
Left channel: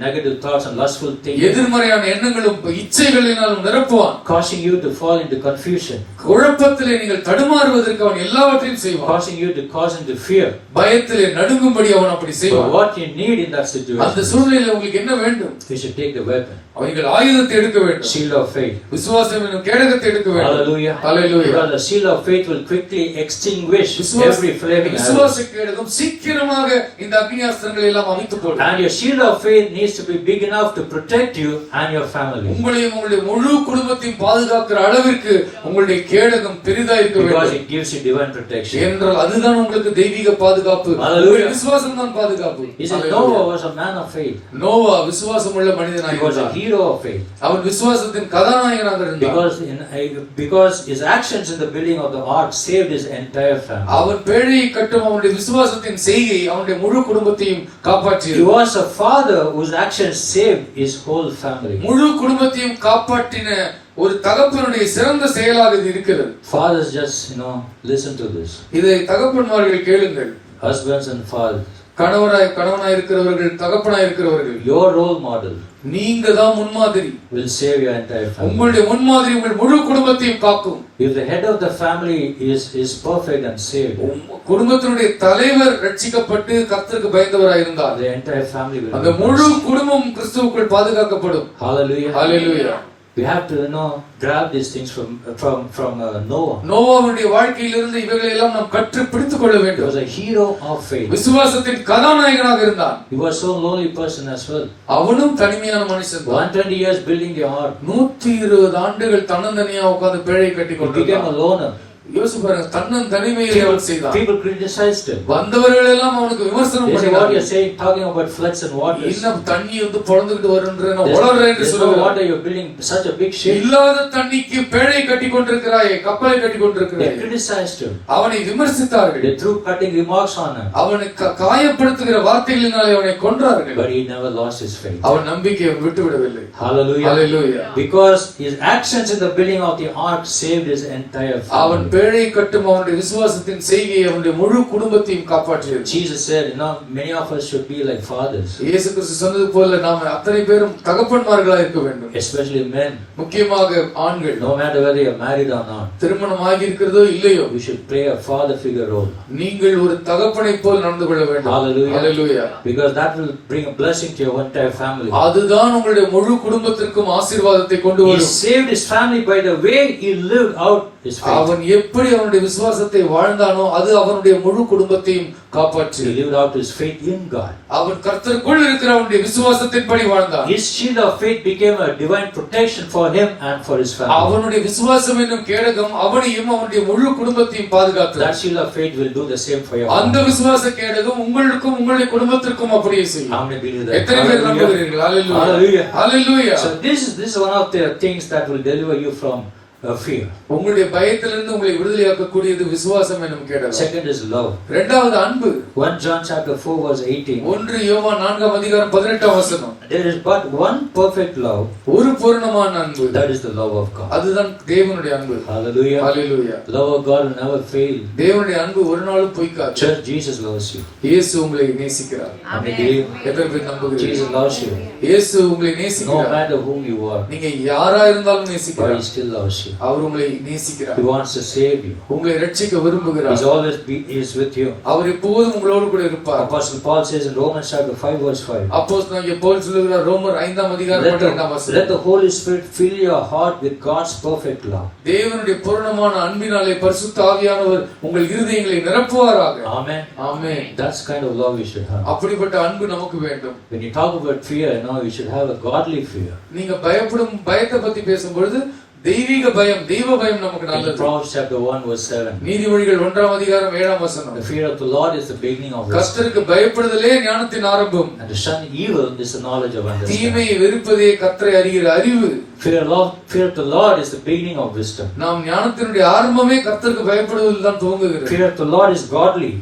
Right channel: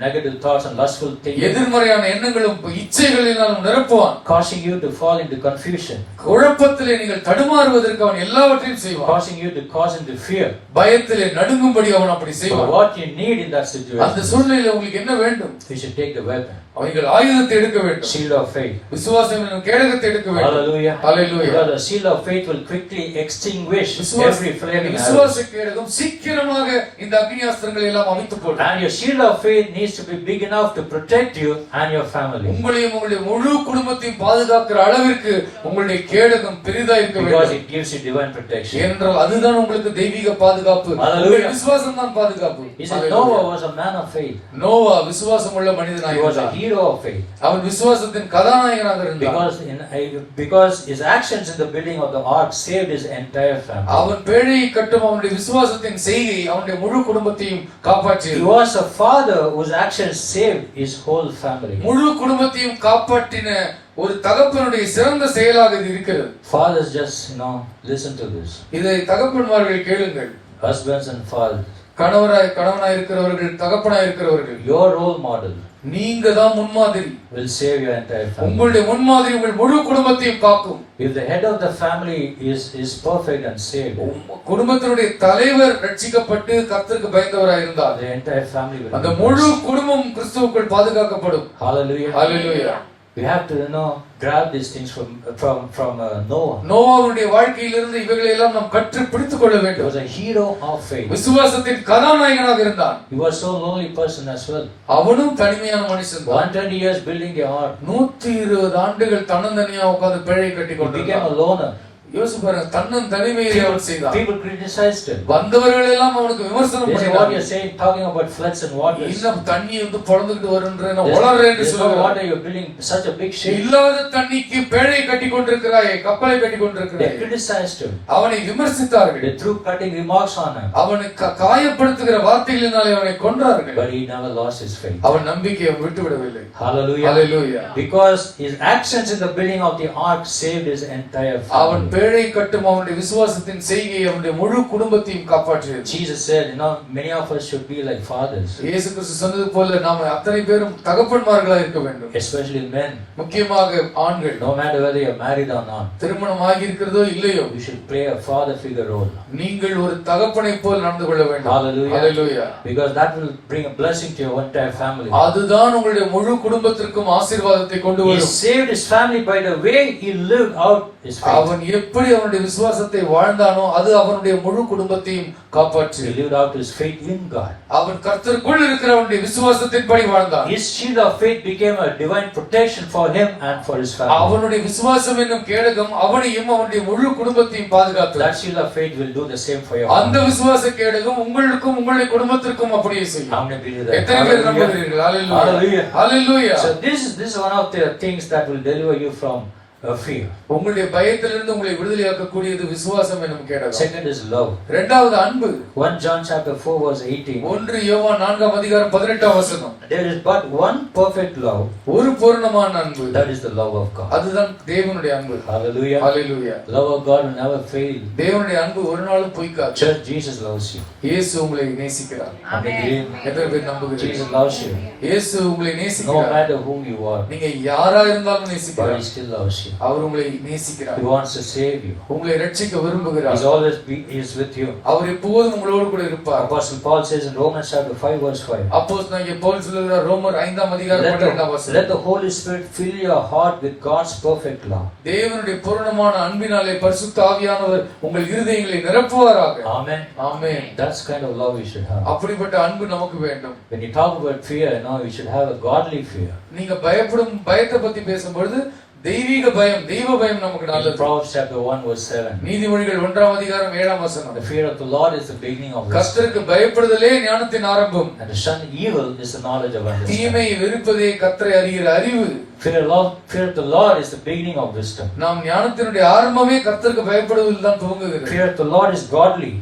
negative thoughts and lustful thinking, எதிர்மறையான எண்ணங்களும் இச்சைகளினாலும் நிரப்புவான். causing you to fall into confusion, குழப்பத்திலே நீங்கள் தடுமாறுவதற்கு அவன் எல்லாவற்றையும் செய்வான். causing you to cause into fear. பயத்திலே நடுங்கும்படி அவன் அப்படி But செய்வான். what you need in that அந்த situation, சூழ்நிலையில் உங்களுக்கு என்ன வேண்டும்? you should take the weapon, அவர்கள் ஆயுதத்தை எடுக்க வேண்டும். shield of faith. விசுவாசம் என்னும் கேடகத்தை எடுக்க வேண்டும். Hallelujah. Hallelujah. Because the shield of faith will quickly extinguish every flaming arrow. விசுவாச கேடகம் சீக்கிரமாக இந்த அக்னியாஸ்திரங்களை எல்லாம் எல்லாம் அமைத்து போடும். And your shield of faith needs to be big enough to protect you and your family. உங்களையும் உங்களுடைய முழு குடும்பத்தையும் பாதுகாக்கிற அளவிற்கு உங்களுடைய கேடகம் பெரிதா இருக்க வேண்டும். Because it gives you divine protection. ஏனென்றால் அதுதான் உங்களுக்கு தெய்வீக பாதுகாப்பு. உங்களுடைய விசுவாசம் தான் பாதுகாப்பு. He said Noah was a man of faith. Noah விசுவாசம் உள்ள மனிதனாக He was a இருந்தார். hero of faith. அவன் விசுவாசத்தின் கதாநாயகனாக இருந்தார். Because his actions in the building of the ark saved his entire family. அவன் பேழையை கட்டும் அவனுடைய விசுவாசத்தின் செய்கை அவனுடைய முழு குடும்பத்தையும் காப்பாற்றியது. He was a father whose actions saved his whole family. முழு குடும்பத்தையும் காப்பாற்றின ஒரு தகப்பனுடைய சிறந்த செயலாக இது இருக்கிறது. Fathers, just listen to this. இதை தகப்பன்மார்கள் கேளுங்கள். Husbands and fathers, கணவனாய் இருக்கிறவர்கள், தகப்பனாய் இருக்கிறவர்கள், your role model நீங்க தான் முன்மாதிரி. will save your entire family. உங்களுடைய முன்மாதிரி உங்கள் முழு குடும்பத்தையும் காக்கும். If the head of the family is perfect and saved, குடும்பத்தினுடைய தலைவர் ரட்சிக்கப்பட்டு கர்த்தருக்கு பயந்தவராய் இருந்தால் the entire family will. அந்த முழு குடும்பம் கிறிஸ்துவுக்குள் பாதுகாக்கப்படும். Hallelujah. Hallelujah. We have to grab these things from Noah. நோவாவுடைய வாழ்க்கையிலிருந்து இவைகளை எல்லாம் நாம் கற்று பிடித்துக் கொள்ள He வேண்டும். was a hero of faith. விசுவாசத்தின் கதாநாயகனாக இருந்தான். He was so lonely person as well. அவனும் தனிமையான மனுஷன். 120 years building the ark. 120 ஆண்டுகள் தன்னந்தனியா உட்கார்ந்து பேழை கட்டி He became கொண்டிருந்தான். a loner. யோசிச்சு பாருங்க, தன்னன் தனிமையிலே அவன் செய்தான். People criticized him. வந்தவர்கள் எல்லாம் அவனுக்கு விமர்சனம் They say, what பண்ணினார்கள். you're saying, talking about floods and waters. இன்னும் தண்ணி வந்து பொளந்துட்டு வருன்றேன் உளறே என்று There's no சொல்லுவாங்க. water, you're building such a big ship. இல்லாத தண்ணிக்கு பேழை கட்டி கொண்டிருக்கிறாயே, கப்பலை கட்டி They கொண்டிருக்கிறாயே. criticized him. அவனை விமர்சித்தார்கள். They threw cutting remarks on him. அவனை காயப்படுத்துகிற வார்த்தைகளினாலே அவனை கொன்றார்கள். But he never lost his faith. அவன் நம்பிக்கையை விட்டுவிடவில்லை. Hallelujah. Hallelujah. Because his actions in the building of the ark saved his entire அவன் family. பேழை கட்டும் அவனுடைய விசுவாசத்தின் செய்கை அவனுடைய முழு குடும்பத்தையும் காப்பாற்றியது. Jesus said, many of us should be like fathers. இயேசு கிறிஸ்து சொன்னது போல நாம அத்தனை பேரும் தகப்பன்மார்களா இருக்க வேண்டும். Especially men. முக்கியமாக ஆண்கள். No matter whether you're married or not. திருமணம் ஆகி இருக்கிறதோ இல்லையோ. You should play a father figure role. நீங்கள் ஒரு தகப்பனை போல் நடந்து கொள்ள வேண்டும். Hallelujah. Hallelujah. Because that will bring a blessing to your entire family. அதுதான் உங்களுடைய முழு குடும்பத்திற்கும் ஆசீர்வாதத்தை கொண்டு He வரும். saved his family by the way he lived out his faith. அவன் எப்படி அவனுடைய விசுவாசத்தை வாழ்ந்தானோ அது அவனுடைய முழு குடும்பத்தையும் காப்பாற்றியது. He lived out his faith in God. அவன் கர்த்தருக்குள் இருக்கிற அவனுடைய விசுவாசத்தின்படி வாழ்ந்தான். His shield of faith became a divine protection for him and for his family. அவனுடைய விசுவாசம் என்னும் கேடகம் அவனையும் அவனுடைய முழு குடும்பத்தையும் பாதுகாத்தது. That shield of faith will do the same for you. அந்த விசுவாச கேடகம் உங்களுக்கும் உங்களுடைய குடும்பத்திற்கும் அப்படியே செய்யும். How many believe that? எத்தனை பேர் நம்புகிறீர்கள்? Hallelujah. Hallelujah. So this is one of the things that will deliver you from fear. உங்களுடைய பயத்திலிருந்து உங்களை விடுதலையாக்கக்கூடியது விசுவாசம் என்னும் கேடகம். Second is love. இரண்டாவது அன்பு. 1 John chapter 4 verse 18. 1 யோவான் 4 அதிகாரம் 18 வசனம். There is but one perfect love. ஒரு பூரணமான அன்பு. That is the love of God. அதுதான் தேவனுடைய அன்பு. Hallelujah. Hallelujah. Love of God will never fail. தேவனுடைய அன்பு ஒரு நாளும் பொய்க்காது. Church, Jesus loves you. இயேசு உங்களை நேசிக்கிறார். Amen. எத்தனை பேர் நம்புகிறீர்கள்? Jesus loves you. இயேசு உங்களை No நேசிக்கிறார். matter whom you are, நீங்க யாரா இருந்தாலும் but நேசிக்கிறார். He still loves you. அவர் உங்களை நேசிக்கிறார். He wants to save you. உங்களை ரட்சிக்க விரும்புகிறார். He's always is with you. அவர் எப்போதும் உங்களோடு கூட இருப்பார். Apostle Paul says in Romans chapter 5 verse 5. அப்போஸ்தலனாகிய பவுல் சொல்கிறார் ரோமர் 5 அதிகாரம் 12 வசனம். Let the Holy Spirit fill your heart with God's perfect love. தேவனுடைய பூரணமான அன்பினாலே பரிசுத்த ஆவியானவர் உங்கள் இருதயங்களை நிரப்புவாராக. Amen. Amen. That's kind of love we should have. அப்படிப்பட்ட அன்பு நமக்கு வேண்டும். When you talk about fear, we should have a godly fear. நீங்க பயத்தை பத்தி பேசும்பொழுது தெய்வீக பயம், தெய்வ பயம் நமக்கு நல்லது. Proverbs chapter 1 verse 7. நீதிமொழிகள் 1 அதிகாரம் 7 வசனம். The fear of the Lord is the beginning of wisdom. கர்த்தருக்கு பயப்படுதலே ஞானத்தின் ஆரம்பம். And to shun evil is the knowledge of understanding. தீமையை வெறுப்பதே கர்த்தரை அறிகிற அறிவு. Fear of the Lord is the beginning of wisdom. நாம் ஞானத்தினுடைய ஆரம்பமே கர்த்தருக்கு பயப்படுவதில் தான் துவங்குகிறது. Fear of the Lord is godly.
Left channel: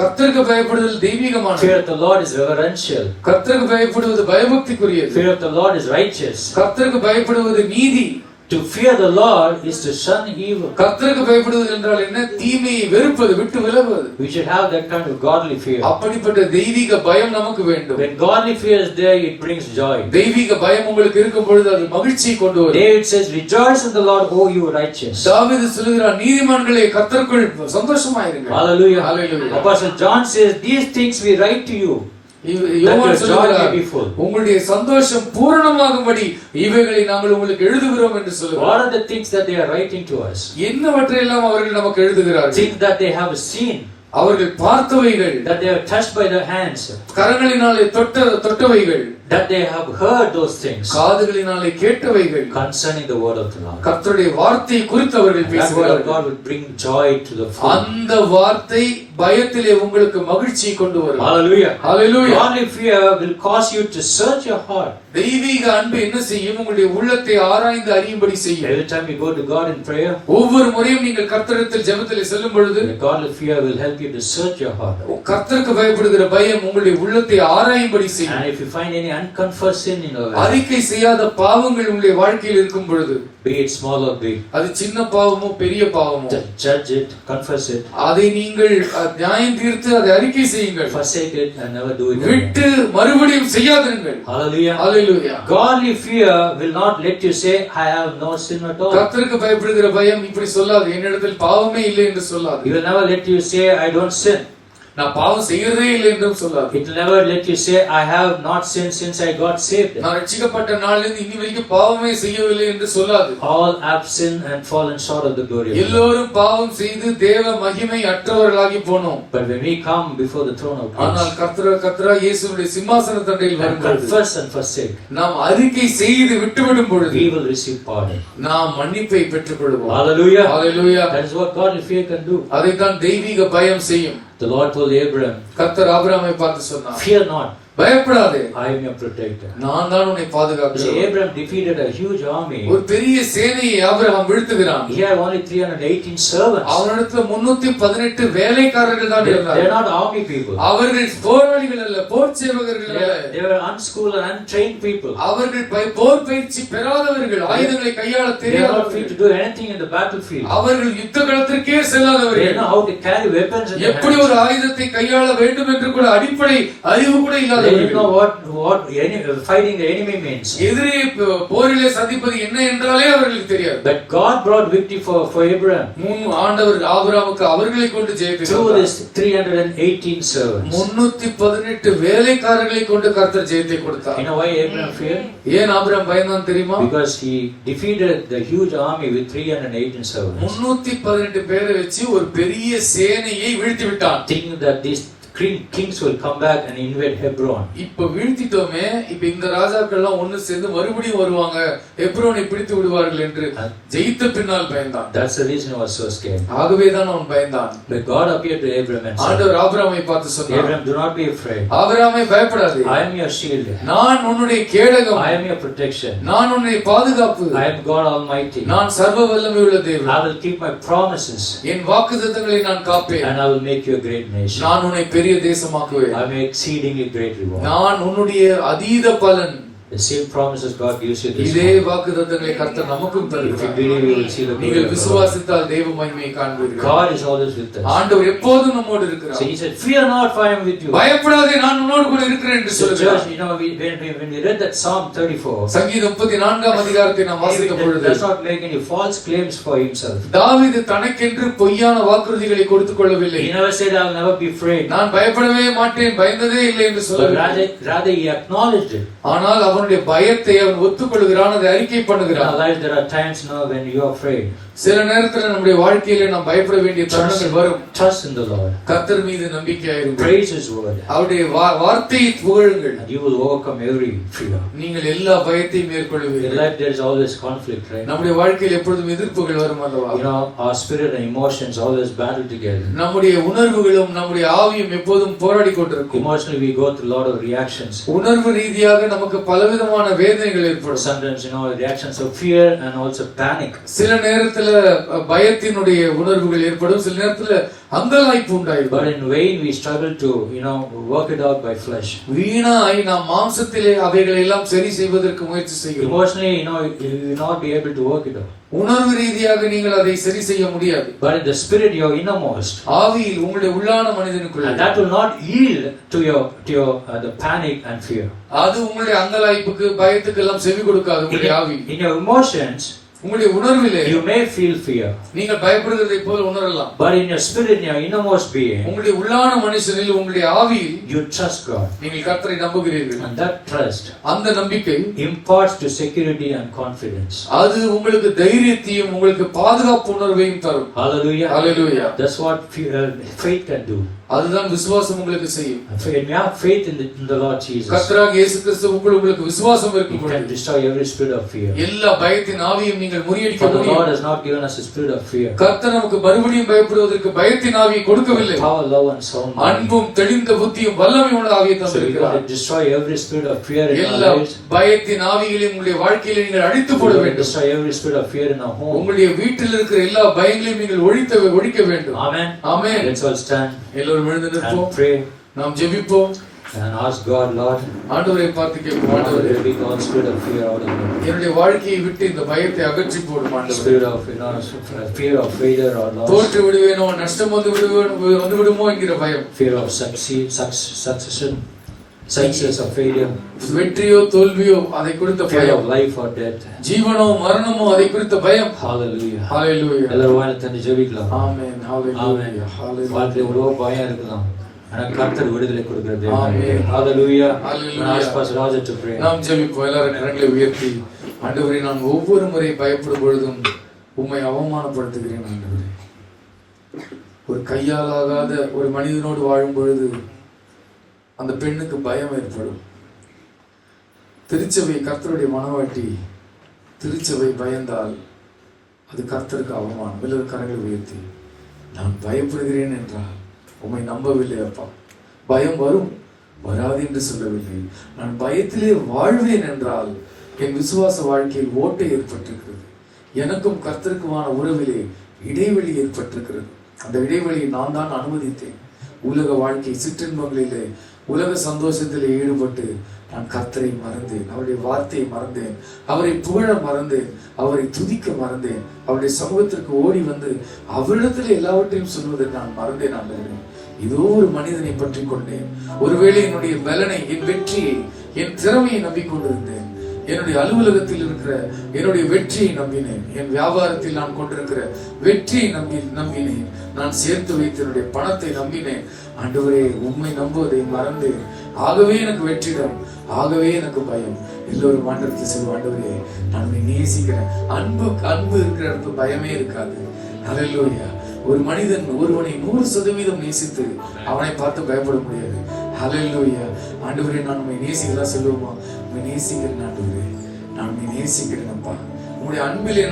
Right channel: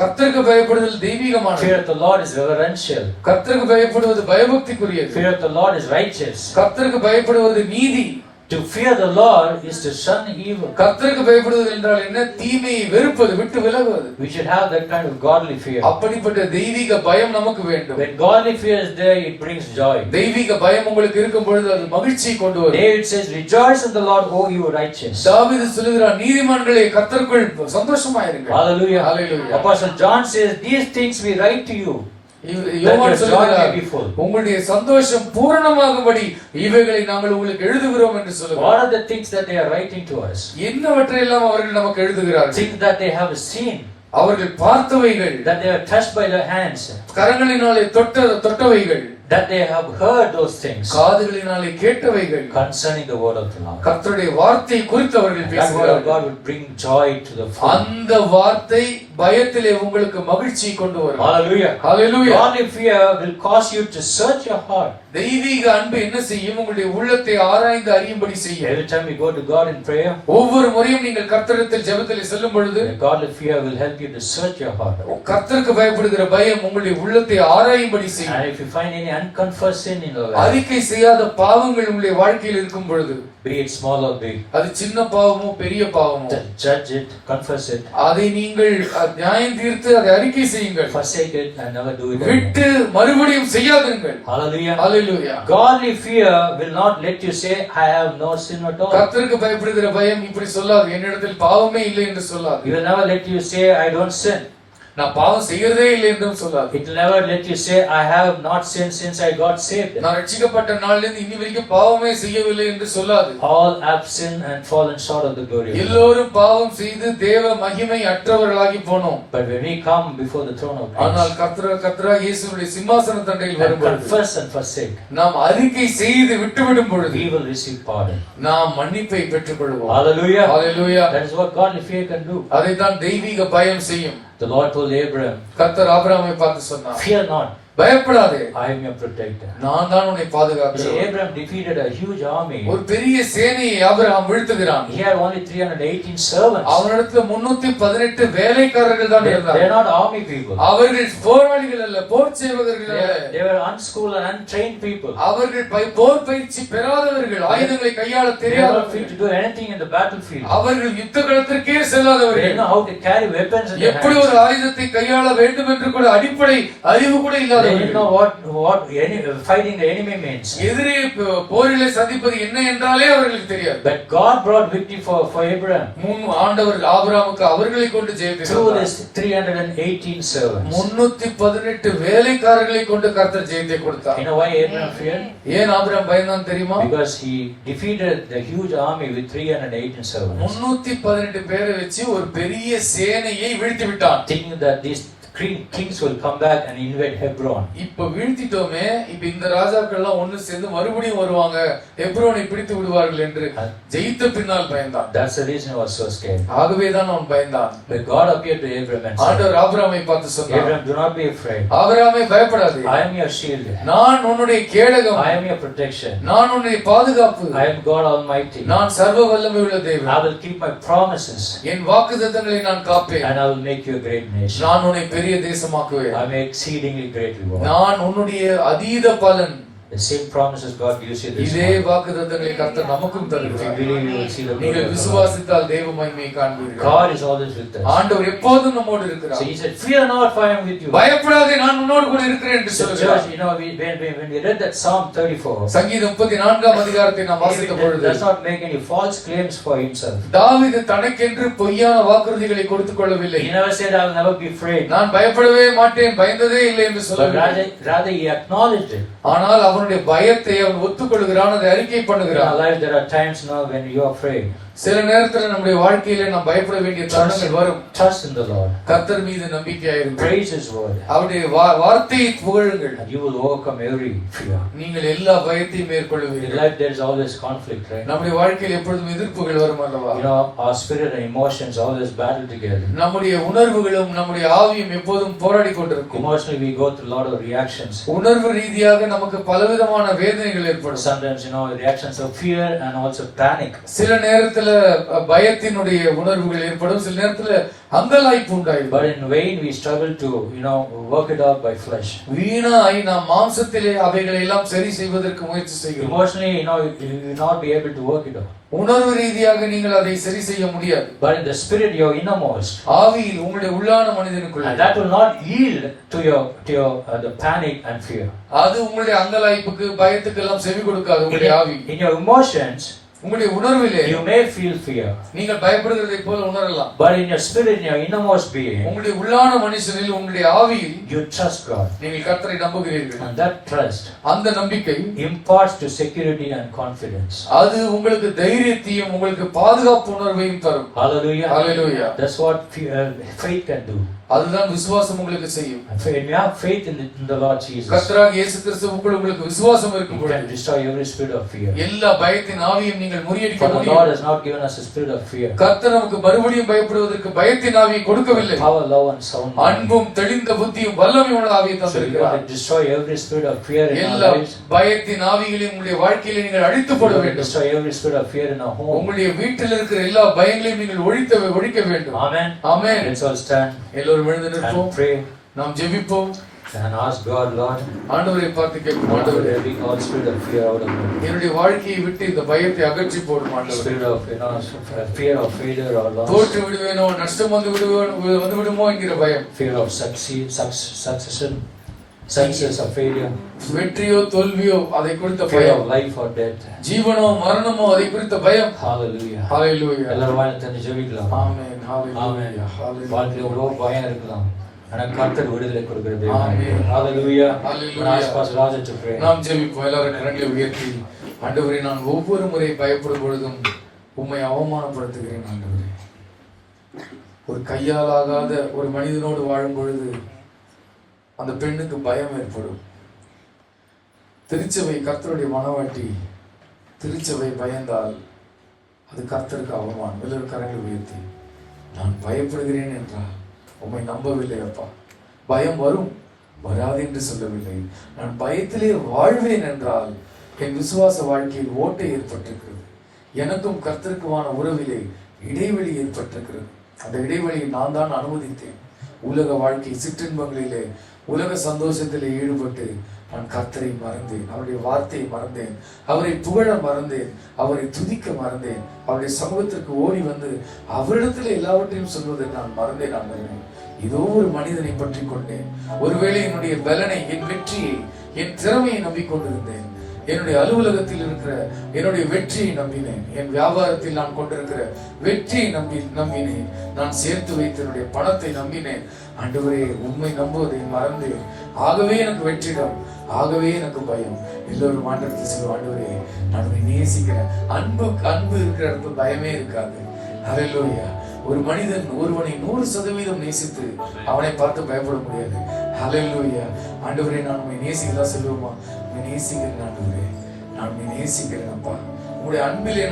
கர்த்தருக்கு பயப்படுதல் தெய்வீகமானது. Fear of the Lord is reverential. கர்த்தருக்கு பயப்படுவது பயபக்திக்குரியது. Fear of the Lord is righteous. கர்த்தருக்கு பயப்படுவது நீதி. To fear the Lord is to shun evil. கர்த்தருக்கு பயப்படுவது என்றால் என்ன? தீமையை வெறுப்பது, விட்டு விலகுவது. We should have that kind of godly fear. அப்படிப்பட்ட தெய்வீக பயம் நமக்கு வேண்டும். When godly fear is there, it brings joy. தெய்வீக பயம் உங்களுக்கு இருக்கும் பொழுது அது மகிழ்ச்சியை கொண்டு வரும். David says, "Rejoice in the Lord, O you righteous." தாவீது சொல்கிறார், நீதிமான்களே கர்த்தருக்குள் சந்தோஷமாயிருங்கள். Hallelujah. Hallelujah. Apostle John says, "These things we write to you." யோவான் சொல்கிறார், உங்களுடைய சந்தோஷம் பூரணமாகும்படி இவைகளை நாங்கள் உங்களுக்கு எழுதுகிறோம் என்று சொல்கிறார். What are the things that they are writing to us? என்னவற்றையெல்லாம் அவர்கள் நமக்கு எழுதுகிறார்கள்? Things that they have seen. அவர்கள் பார்த்தவைகள், that they are touched by their hands, கரங்களினாலே தொட்டவைகள், that they have heard those things காதுகளினாலே கேட்டவைகள், concerning the word of the Lord. கர்த்தருடைய வார்த்தை குறித்து அவர்கள் That word of பேசுகிறார்கள். God will bring joy to the full. அந்த வார்த்தை பயத்திலே உங்களுக்கு மகிழ்ச்சியை கொண்டு வரும். Hallelujah. Hallelujah. Godly fear will cause you to search your heart. தெய்வீக அன்பு என்ன செய்யும்? உங்களுடைய உள்ளத்தை ஆராய்ந்து அறியும்படி செய்யும். Every time you go to God in prayer, ஒவ்வொரு முறையும் நீங்கள் கர்த்தரிடத்தில் ஜெபத்திலே செல்லும் பொழுது the godly fear will help you to search your heart. கர்த்தருக்கு பயப்படுகிற பயம் உங்களுடைய உள்ளத்தை ஆராயும்படி செய்யும். And if you find any unconfessed sin in your life, அறிக்கை செய்யாத பாவங்கள் உங்களுடைய வாழ்க்கையில் இருக்கும் பொழுது, be it small or big, அது சின்ன பாவமோ பெரிய பாவமோ, judge it, confess it, அதை நீங்கள் நியாயம் தீர்த்து அதை அறிக்கை செய்யுங்கள். forsake it and never do it again. விட்டு மறுபடியும் செய்யாதீர்கள். Hallelujah. Hallelujah. Godly fear will not let you say, I have no sin at all. கர்த்தருக்கு பயப்படுகிற பயம் இப்படி சொல்லாது, என்னிடத்தில் பாவமே இல்லை என்று சொல்லாது. It will never let you say, I don't sin. நான் பாவம் செய்யறதே இல்லை என்றும் சொல்லாது. It will never let you say, I have not sinned since I got saved. நான் ரட்சிக்கப்பட்ட நாளிலிருந்து இன்னி வரைக்கும் பாவமே செய்யவில்லை என்று சொல்லாது. All have sinned and fallen short of the glory of God. எல்லோரும் பாவம் செய்து தேவ மகிமை அற்றவர்களாகி போனோம். But when we come before the throne of ஆனால் grace கர்த்தரா இயேசுவுடைய சிம்மாசன தண்டையில் and வரும்போது confess and forsake, நாம் அறிக்கை செய்து விட்டுவிடும் பொழுது we will receive pardon. நாம் மன்னிப்பை பெற்றுக் கொள்வோம். Hallelujah. Hallelujah. That is what godly fear can do. அதைத்தான் தெய்வீக பயம் செய்யும். The Lord told Abraham, கர்த்தர் ஆபிரகாமை பார்த்து சொன்னார், fear not, பயப்படாதே, I am your protector. நான் தான் உன்னை You see, பாதுகாக்கிறேன். Abraham defeated a huge army. ஒரு பெரிய சேனையை Abraham வீழ்த்துகிறான். He had only 318 servants. அவனிடத்துல 318 வேலைக்காரர்கள் தான் They are இருந்தார்கள். not army people. அவர்கள் போராளிகள் அல்ல, போர் சேவகர்கள் அல்ல. They were unschooled and untrained people. அவர்கள் போர் பயிற்சி பெறாதவர்கள், ஆயுதங்களை கையாள They are not fit தெரியாதவர்கள், to do anything in the battlefield. அவர்கள் யுத்த களத்திற்கே They செல்லாதவர்கள், know how to carry weapons in their எப்படி hands. ஒரு ஆயுதத்தை கையாள வேண்டும் என்று கூட அடிப்படை அறிவு கூட They didn't இல்லாதவர்கள், know what fighting the enemy means. எதிரி போரிலே சந்திப்பது என்ன என்றாலே அவர்களுக்கு தெரியாது. But God brought victory for Abraham ஆண்டவர் ஆபிரகாமுக்கு அவர்களை கொண்டு ஜெயத்தை through கொடுத்தார். his 318 servants. 318 வேலைக்காரர்களை கொண்டு கர்த்தர் ஜெயத்தை கொடுத்தார். You know why Abraham feared? ஏன் ஆபிரகாம் பயந்தான் தெரியுமா? Because he defeated the huge army with 318 servants, 318 பேரை வச்சு ஒரு பெரிய சேனையை வீழ்த்தி விட்டான். thinking that these kings will come back and invade Hebron. இப்ப வீழ்த்திட்டோமே, இப்ப இந்த ராஜாக்கள் எல்லாம் ஒண்ணு சேர்ந்து மறுபடியும் வருவாங்க, எப்ரோனை பிடித்து விடுவார்கள் என்று ஜெயித்த பின்னால் பயந்தான். That's the reason he was so scared. ஆகவேதான் அவன் பயந்தான். But God appeared to Abraham and said, ஆண்டவர் ஆபிரகாமை பார்த்து சொன்னார், Abraham, do not be afraid. ஆபிரகாமே பயப்படாதே, I am your shield. நான் உன்னுடைய கேடகம், I am your protection. நான் உன்னுடைய பாதுகாப்பு, I am God Almighty. நான் சர்வ வல்லமை உள்ள தேவன், I will keep my promises என் வாக்குத்தத்தங்களை நான் காப்பேன், and I will make you a great nation. நான் உன்னை பெரிய தேசமாக்குவேன், I may exceedingly great reward. நான் உன்னுடைய அதீத பலன். The same promises God gives you this இதே morning. வாக்குத்தத்தங்களை கர்த்தர் நமக்கும் If you தருகிறார். believe, you will see the glory நீங்கள் of the Lord. விசுவாசித்தால் தேவ மகிமையை காண்பீர்கள். God is always with us. ஆண்டவர் எப்போதும் நம்மோடு So இருக்கிறார். he said, fear not, for I am with you. பயப்படாதே, நான் உன்னோடு கூட இருக்கிறேன் என்று So சொல்கிறார். church, you know, when we read that Psalm 34, சங்கீதம் 34ஆம் அதிகாரத்தை நாம் வாசித்த David பொழுது does not make any false claims for himself. தாவீது தனக்கென்று பொய்யான வாக்குறுதிகளை கொடுத்துக் கொள்ளவில்லை. He never said, I will never be afraid. நான் பயப்படவே மாட்டேன், பயந்ததே இல்லை என்று But சொல்லவில்லை. rather he acknowledged it. ஆனால் அவனுடைய பயத்தை அவன் ஒத்துக்கொள்கிறான், அதை அறிக்கை In our பண்ணுகிறான். life, there are times now when you are afraid. சில நேரத்துல நம்முடைய வாழ்க்கையில நாம் பயப்பட வேண்டிய தருணங்கள் வரும். Trust in the Lord. கர்த்தர் மீது நம்பிக்கையாயிருங்கள். Praise His word. அவருடைய வார்த்தையை புகழுங்கள். And you will overcome every fear. நீங்கள் எல்லா பயத்தையும் In மேற்கொள்வீர்கள். life, there is always conflict, right? நம்முடைய வாழ்க்கையில் எப்பொழுதும் எதிர்ப்புகள் வரும் அல்லவா? You know, our spirit and emotions always battle together. நம்முடைய உணர்வுகளும் நம்முடைய ஆவியும் எப்போதும் போராடி கொண்டிருக்கும். Emotionally, we go through a lot of reactions. உணர்வு ரீதியாக நமக்கு பலவிதமான வேதனைகள் ஏற்படும். Sometimes, you know, reactions of fear and also panic. சில நேரத்துல பயத்தினுடைய உணர்வுகள் ஏற்படும், சில நேரத்துல அங்கலாய்ப்பு உண்டாயிடும். But in vain, we struggle to, you know, work it out by flesh. வீணாய் நாம் மாம்சத்திலே அவைகளை எல்லாம் சரி செய்வதற்கு முயற்சி செய்கிறோம். Emotionally, you know, you will not be able to work it out. உணர்வு ரீதியாக நீங்கள் அதை சரி செய்ய முடியாது. But in the spirit, your innermost, ஆவியில் உங்களுடைய உள்ளான மனிதனுக்குள்ள and that will not yield to your the panic and fear. அது உங்களுடைய அங்கலாய்ப்புக்கு பயத்துக்கு எல்லாம் செவி கொடுக்காது. உங்களுடைய ஆவி In your emotions, உங்களுடைய உணர்விலே you may feel fear. நீங்கள் பயப்படுகிறதை போல உணரலாம். But in your spirit, in your innermost being, உங்களுடைய உள்ளான மனுஷனில் உங்களுடைய ஆவியில் you trust God. நீங்கள் கர்த்தரை நம்புகிறீர்கள். And that trust அந்த நம்பிக்கை imparts to security and confidence. அது உங்களுக்கு தைரியத்தையும் உங்களுக்கு பாதுகாப்பு உணர்வையும் தரும். Hallelujah. Hallelujah. That's what faith can do. அதுதான் விசுவாசம் உங்களுக்கு செய்யும். When you have faith in the Lord Jesus, கர்த்தராகிய இயேசு கிறிஸ்துவுக்குள் உங்களுக்கு விசுவாசம் you இருக்கும்போது can destroy every spirit of fear. எல்லா பயத்தின் ஆவியையும் நீங்கள் முறியடிக்க For the முடியும். Lord has not given us a spirit of fear. கர்த்தர் நமக்கு மறுபடியும் பயப்படுவதற்கு பயத்தின் ஆவியை கொடுக்கவில்லை. Power, love and sound mind. அன்பும் தெளிந்த புத்தியும் வல்லமையும் உள்ள ஆவியை So you தந்திருக்கிறார். got to destroy every spirit of fear in our எல்லா lives. பயத்தின் ஆவிகளையும் உங்களுடைய வாழ்க்கையிலே நீங்கள் அழித்து You போட got to வேண்டும். destroy every spirit of fear in our home. உங்களுடைய வீட்டில் இருக்கிற எல்லா பயங்களையும் நீங்கள் ஒழிக்க வேண்டும். Amen. Amen. Let's all stand எல்லோரும் எழுந்து நிற்போம். and pray நாம் ஜெபிப்போம். and ask God, Lord, ஆண்டவரை பார்த்து கேட்போம். ஆண்டவரே, every all spirit of fear out of me. என்னுடைய வாழ்க்கையை விட்டு இந்த பயத்தை அகற்றி போடும் ஆண்டவரே. Spirit of fear of failure or loss. தோற்று விடுவேனோ, நஷ்டம் வந்து விடுமோ என்கிற பயம். Fear of succession, success or failure. வெற்றியோ தோல்வியோ அதை குறித்த Fear பயம். of life or death. ஜீவனோ மரணமோ அதை குறித்த பயம். Hallelujah. ஹalleluya. எல்லாரும் வாயை திறந்து ஜெபிக்கலாம். ஆமென். ஹalleluya. ஹalleluya. வாழ்க்கையில எவ்வளவு பயம் இருக்கலாம். ஆனா கர்த்தர் விடுதலை கொடுக்கிற தேவன். ஆமென். Hallelujah. Hallelujah. Ask Pastor Roger to pray. நாம் ஜெபிப்போம். எல்லாரும் கரங்களை உயர்த்தி, ஆண்டவரே, நான் ஒவ்வொரு முறை பயப்படும் பொழுதும் உம்மை அவமானப்படுத்துகிறேன் ஆண்டவரே. ஒரு கையால் ஆகாத ஒரு மனிதனோடு வாழும் பொழுது அந்த பெண்ணுக்கு பயம் ஏற்படும். திருச்சபை கர்த்தருடைய மனவாட்டி, திருச்சபை பயந்தால் அது கர்த்தருக்கு அவமானம். எல்லாரும் கரங்களை உயர்த்தி, நான் பயப்படுகிறேன் என்றால் உம்மை நம்பவில்லை அப்பா. பயம் வரும், வராது என்று சொல்லவில்லை. நான் பயத்திலே வாழ்வேன் என்றால் என் விசுவாச வாழ்க்கையில் ஓட்டை ஏற்பட்டிருக்கிறது. எனக்கும் கர்த்தருக்குமான உறவிலே இடைவெளி ஏற்பட்டிருக்கிறது. அந்த இடைவெளியை நான் தான் அனுமதித்தேன். உலக வாழ்க்கை சிற்றின்பங்களிலே, உலக சந்தோஷத்திலே ஈடுபட்டு நான் கர்த்தரை மறந்தேன், அவருடைய வார்த்தையை மறந்தேன், அவரை புகழ மறந்தேன், அவரை துதிக்க மறந்தேன், அவருடைய சமூகத்திற்கு ஓடி வந்து அவரிடத்தில் எல்லாவற்றையும் சொல்வதை நான் மறந்தேன் ஆண்டவரே. ஏதோ ஒரு மனிதனை பற்றி கொண்டேன். ஒருவேளை என்னுடைய பலனை, என் வெற்றியை, என் திறமையை நம்பிக்கொண்டிருந்தேன். என்னுடைய அலுவலகத்தில் இருக்கிற என்னுடைய வெற்றியை நம்பினேன். என் வியாபாரத்தில் நான் கொண்டிருக்கிற வெற்றியை நம்பினேன். நான் சேர்த்து வைத்த என்னுடைய பணத்தை நம்பினேன். ஆண்டவரே, உம்மை நம்புவதை மறந்தேன். ஆகவே எனக்கு வெற்றிடம், ஆகவே எனக்கு பயம். எல்லோரும் ஆண்டவருக்கு சொல்லுவோம், ஆண்டவரே, நான் உன்னை நேசிக்கிறேன். அன்பு இருக்கிற இடத்துல பயமே இருக்காது. ஹல்லேலூயா. ஒரு மனிதன் ஒருவனை 100% நேசித்து அவனை பார்த்து பயப்பட முடியாது. ஹல்லேலூயா. ஆண்டவரே, நான் உம்மை நேசிக்கிறதா சொல்லுவோமா? உம்மை நேசிக்கிறேன் ஆண்டவரே, நான் உம்மை நேசிக்கிறேன் அப்பா. உம்முடைய அன்பிலே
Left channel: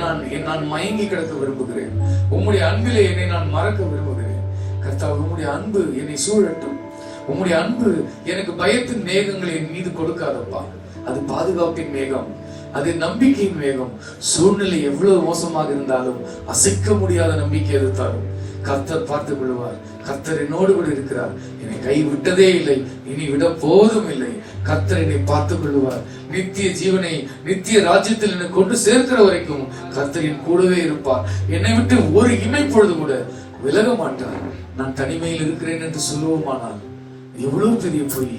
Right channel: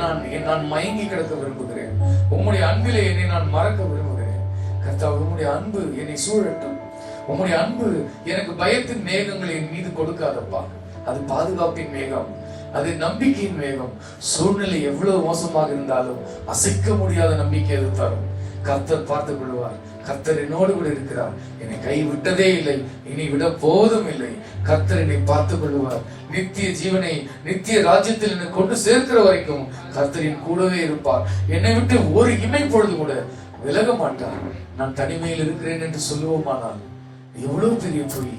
நான் மயங்கி கிடக்க விரும்புகிறேன். உம்முடைய அன்பிலே என்னை நான் மறக்க விரும்புகிறேன். கர்த்தாவே, உம்முடைய அன்பு என்னை சூழட்டும். உம்முடைய அன்பு எனக்கு பயத்தின் மேகங்களை என் மீது கொடுக்காதப்பா. அது பாதுகாப்பின் மேகம், அது நம்பிக்கையின் மேகம். சூழ்நிலை எவ்வளவு மோசமாக இருந்தாலும் அசைக்க முடியாத நம்பிக்கை அது தரும். கர்த்தர் பார்த்துக் கொள்வார். கர்த்தர் என்னோடு கூட இருக்கிறார். என்னை கை விட்டதே இல்லை, இனி விட போதும் இல்லை. கர்த்தர் என்னை பார்த்துக் கொள்வார். நித்திய ஜீவனை, நித்திய ராஜ்யத்தில் என்னை கொண்டு சேர்க்கிற வரைக்கும் கர்த்தரின் கூடவே இருப்பார். என்னை விட்டு ஒரு இமை பொழுது கூட விலக மாட்டார். நான் தனிமையில் இருக்கிறேன் என்று சொல்லுவோமானால் எவ்வளவு பெரிய பொய்.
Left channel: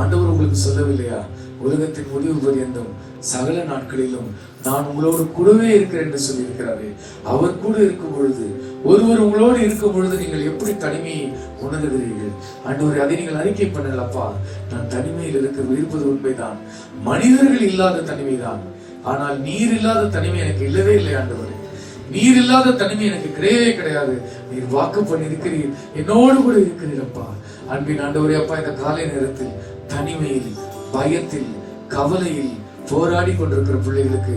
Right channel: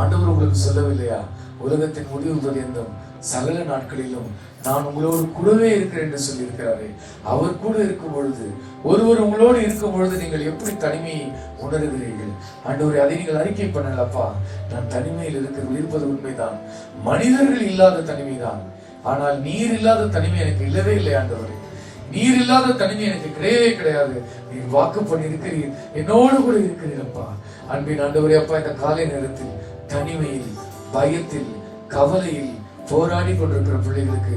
ஆண்டவர் உங்களுக்கு சொல்லவில்லையா? உலகத்தின் முடிவு பரியந்தம் சகல நாட்களிலும் நான் உங்களோடு கூடவே இருக்கிறேன் என்று சொல்லி இருக்கிறாரே. அவர் கூட இருக்கும் பொழுது, ஒருவர் உங்களோடு இருக்கும் பொழுது நீங்கள் எப்படி தனிமையை உணர்கிறீர்கள்? ஆண்டவரே, அதை நீங்கள் அறிக்கை பண்ணலப்பா. நான் தனிமையில் இருப்பது உண்மைதான். மனிதர்கள் இல்லாத தனிமைதான். ஆனால் நீர் இல்லாத தனிமை எனக்கு இல்லவே இல்லை ஆண்டவரே. நீர் இல்லாத தனிமை எனக்கு கிடையவே கிடையாது. நீர் வாக்கு பண்ணி இருக்கிறீர், என்னோடு கூட இருக்கிறீரப்பா. அன்பின் ஆண்டவரே அப்பா, இந்த காலை நேரத்தில் தனிமையில், பயத்தில், கவலையில் போராடி கொண்டிருக்கிற பிள்ளைகளுக்கு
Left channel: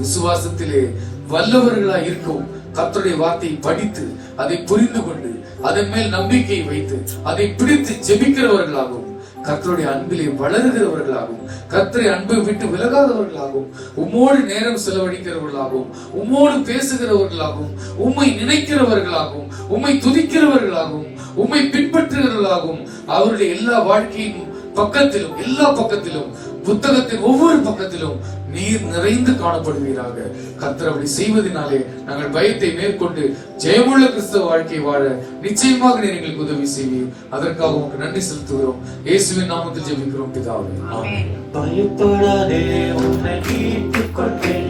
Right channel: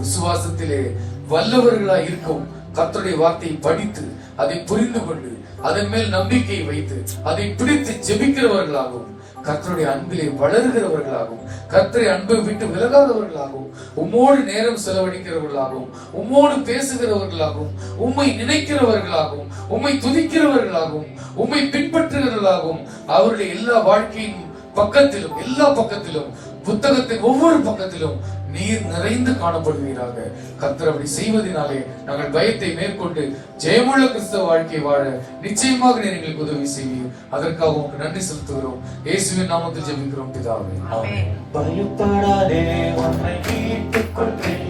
விசுவாசத்திலே வல்லவர்களாய் இருக்கும் கர்த்தருடைய வார்த்தையை படித்து அதை புரிந்து கொண்டு அதன் மேல் நம்பிக்கை வைத்து அதை பிடித்து ஜெபிக்கிறவர்களாகவும், கர்த்தருடைய அன்பிலே வளருகிறவர்களாகவும், கர்த்தரை அன்பை விட்டு விலகாதவர்களாகவும், உம்மோடு நேரம் செலவழிக்கிறவர்களாகவும், உம்மோடு பேசுகிறவர்களாகவும், உம்மை நினைக்கிறவர்களாகவும், உம்மை துதிக்கிறவர்களாகவும், உம்மை பின்பற்றுகிறவர்களாகவும், அவருடைய எல்லா வாழ்க்கையின் பக்கத்திலும், எல்லா பக்கத்திலும், புத்தகத்தின் ஒவ்வொரு பக்கத்திலும் நீர் நிறைந்து காணப்படுவீராக. கர்த்தர் அப்படி செய்வதனாலே நாங்கள் பயத்தை மேற்கொண்டு ஜெயமுள்ள கிறிஸ்தவ வாழ்க்கை வாழ நிச்சயமாக நீர் எங்களுக்கு உதவி செய்வீர். அதற்காக உங்களுக்கு நன்றி செலுத்துகிறோம். இயேசுவின் நாமத்தில் ஜெபிக்கிறோம் பிதாவே. ஆமென். பயப்படாதே, உன்னை மீட்டுக் கொண்டேன்.